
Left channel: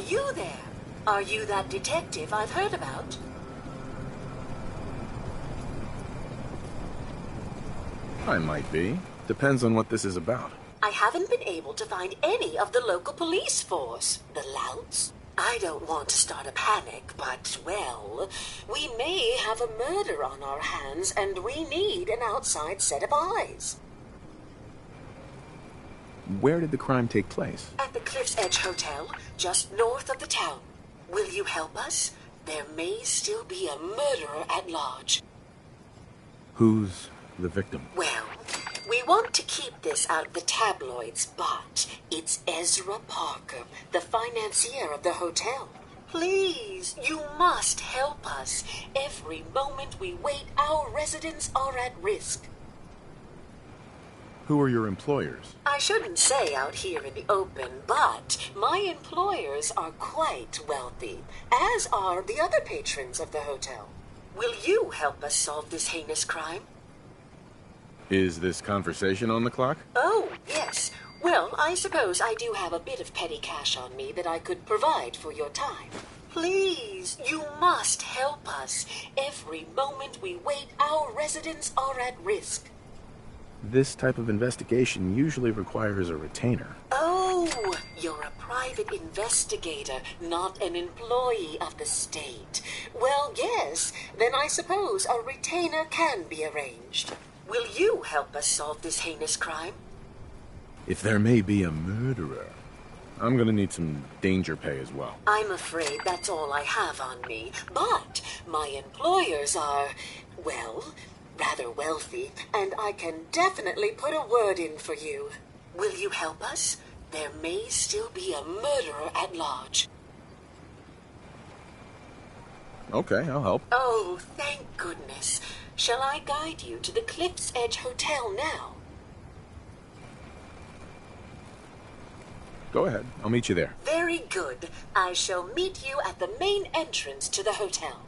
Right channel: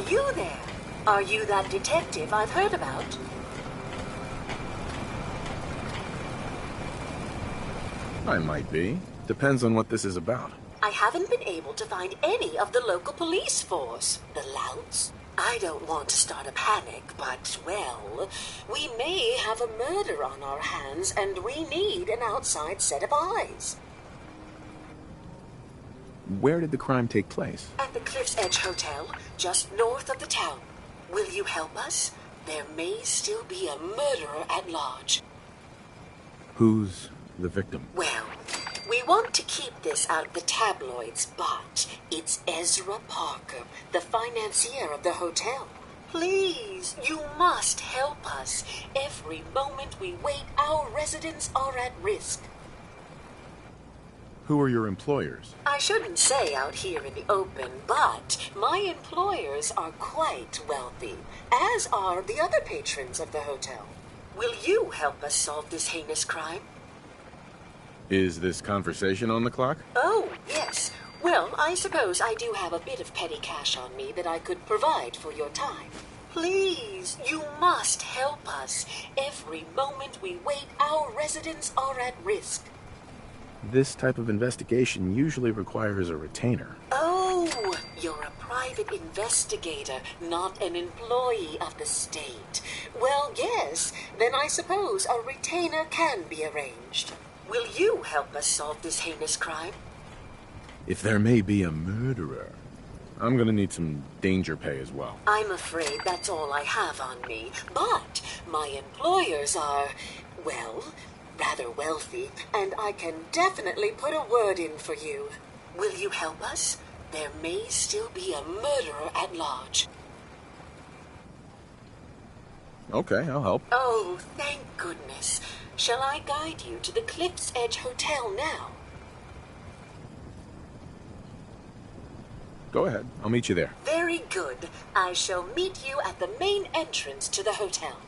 you there? Are you that detective I've heard about? I might be. Depends on what this is about. I haven't been able to find any of the local police force. The louts? I don't want to start a panic, but, well, we may have a murder on our hands, and we need an outside set of eyes. Where did the crime take place? At the Cliff's Edge Hotel, just north of the town. Will you help us? There may still be a murderer at large. Who's the victim? Well, we want to keep this out of the tabloids, but it's Ezra Parker, the financier of the hotel. Please, you must help us. Every moment we wait, our residents are at risk. Who are your employers? I shouldn't say out here in the open, but my employers are quite wealthy, as are the other patrons of the hotel. Will you help us solve this heinous crime? Is this conversation on the clock? Oh, yes. Well, I suppose I do have a bit of petty cash on me that I could provide for your time. Please, you must help us. Every moment we wait, our residents are at risk. This type of investigation usually requires a retainer. Oh, you're a private investigator, not an employee of the state. Well, yes, then I suppose a retainer can be arranged. Will you help us solve this heinous crime? If there may be a murderer, I'm gonna need some danger pay as well. I'm afraid that's all I have on me, but my employers are, well, rather wealthy, and I can definitely put a word in for you. Will you help us? There may still be a murderer at large. Okay, I'll help. Oh, thank goodness. Shall I guide you to the Cliff's Edge Hotel now? Go ahead. I'll meet you there. Very good. I shall meet you at the main entrance to the hotel.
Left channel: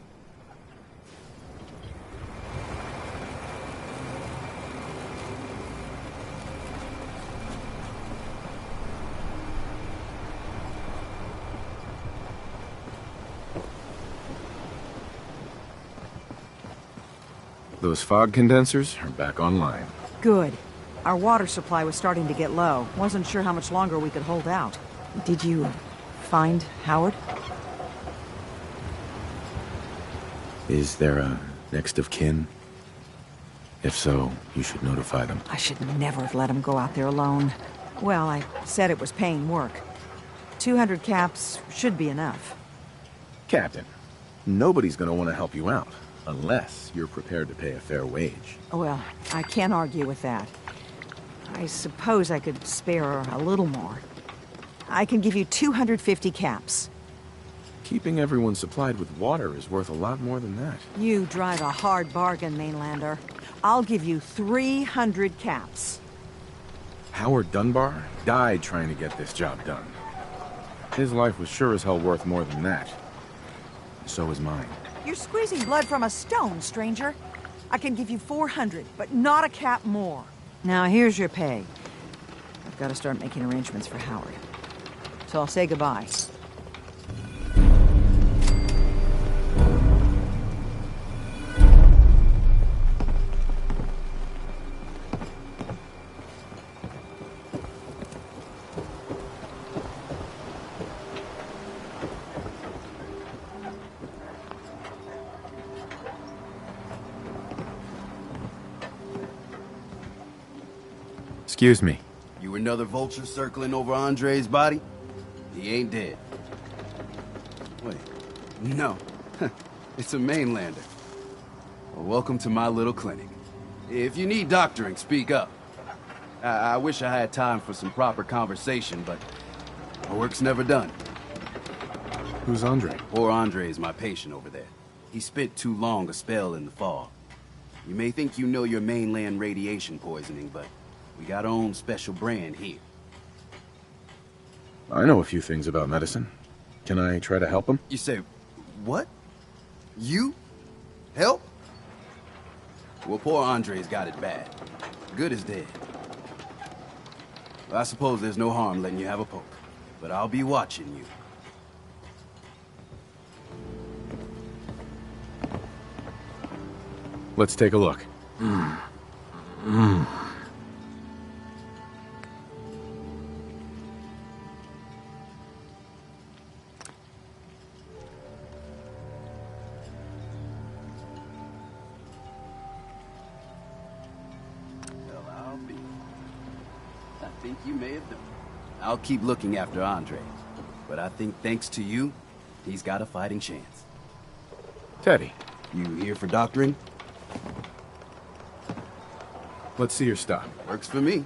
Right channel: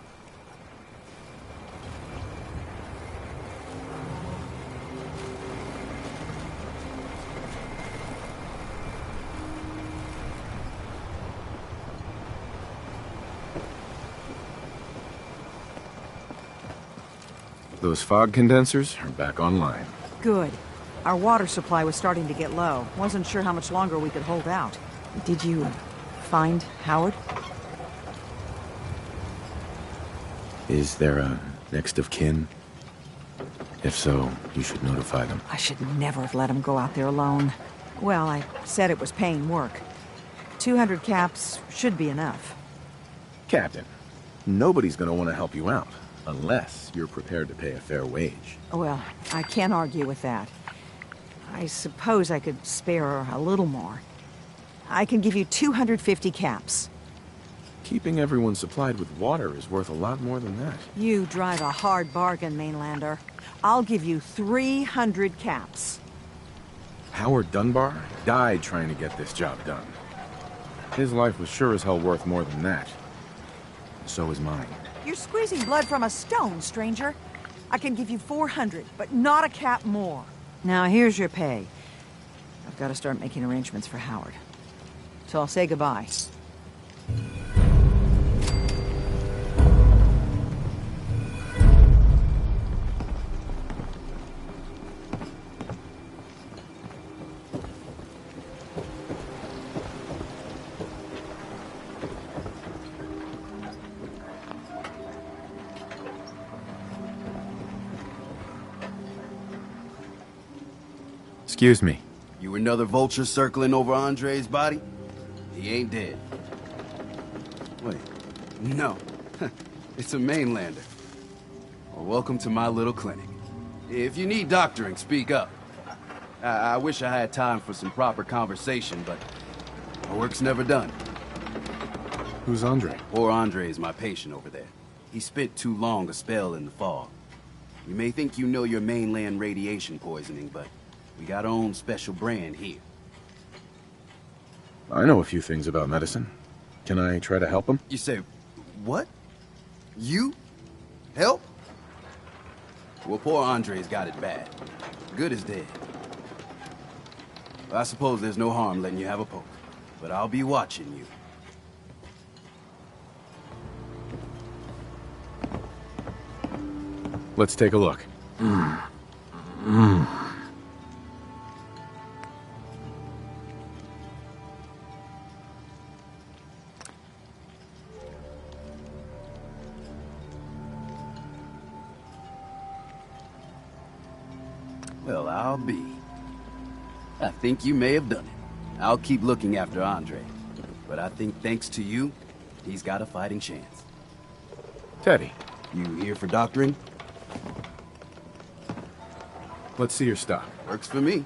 Those fog condensers are back online. Good. Our water supply was starting to get low. Wasn't sure how much longer we could hold out. Did you find Howard? Is there a next of kin? If so, you should notify them. I should never have let him go out there alone. Well, I said it was paying work. 200 caps should be enough. Captain, nobody's gonna want to help you out. Unless you're prepared to pay a fair wage. Well, I can't argue with that. I suppose I could spare a little more. I can give you 250 caps. Keeping everyone supplied with water is worth a lot more than that. You drive a hard bargain, Mainlander. I'll give you 300 caps. Howard Dunbar died trying to get this job done. His life was sure as hell worth more than that. So is mine. You're squeezing blood from a stone, stranger. I can give you 400, but not a cap more. Now, here's your pay. I've got to start making arrangements for Howard. So I'll say goodbye. Excuse me. You another vulture circling over Andre's body? He ain't dead. Wait, no. It's a Mainlander. Well, welcome to my little clinic. If you need doctoring, speak up. I wish I had time for some proper conversation, but my work's never done. Who's Andre? Poor Andre is my patient over there. He spent too long a spell in the fog. You may think you know your mainland radiation poisoning, but we got our own special brand here. I know a few things about medicine. Can I try to help him? You say, what? You? Help? Well, poor Andre's got it bad. Good as dead. Well, I suppose there's no harm letting you have a poke, but I'll be watching you. Let's take a look. Well, I'll be. I think you may have done it. I'll keep looking after Andre. But I think thanks to you, he's got a fighting chance. Teddy. You here for doctoring? Let's see your stock. Works for me.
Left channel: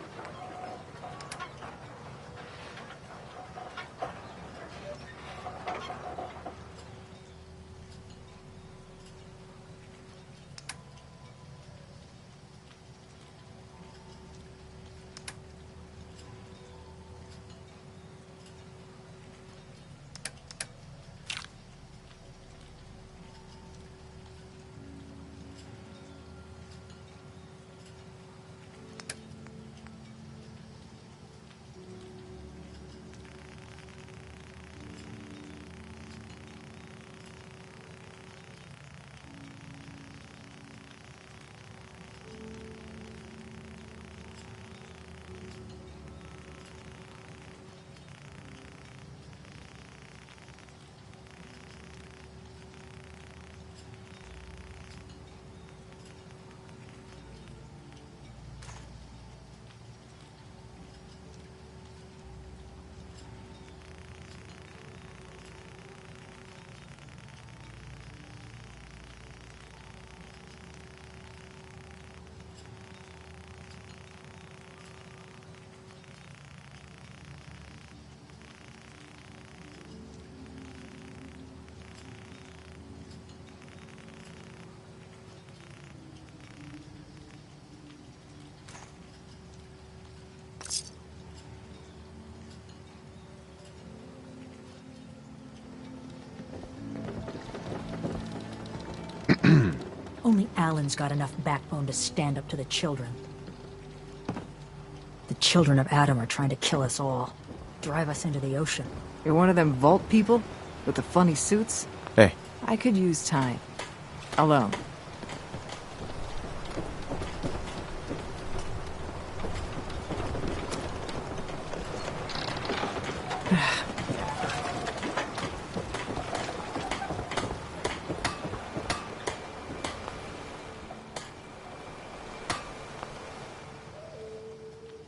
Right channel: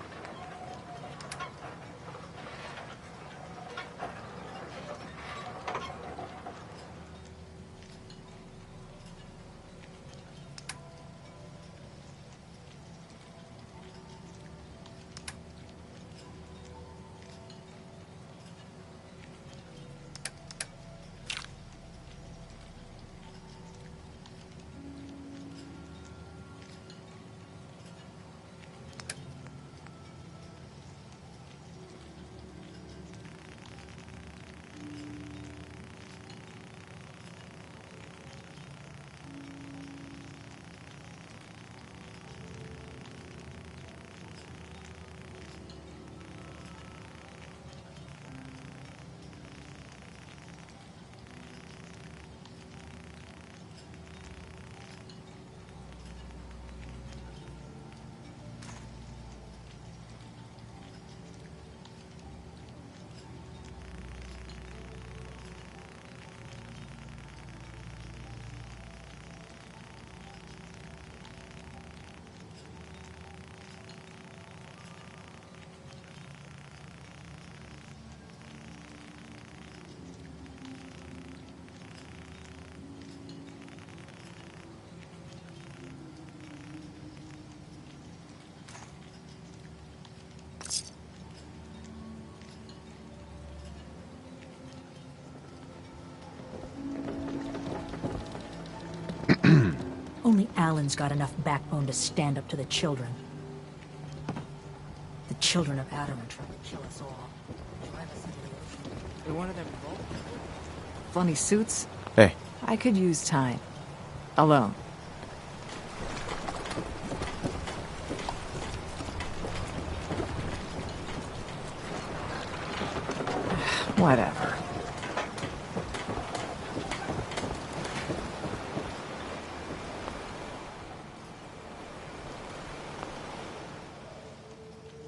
Only Alan's got enough backbone to stand up to the children. The children of Adam are trying to kill us all. Drive us into the ocean. You're one of them vault people? With the funny suits? Hey. I could use time. Alone. Whatever.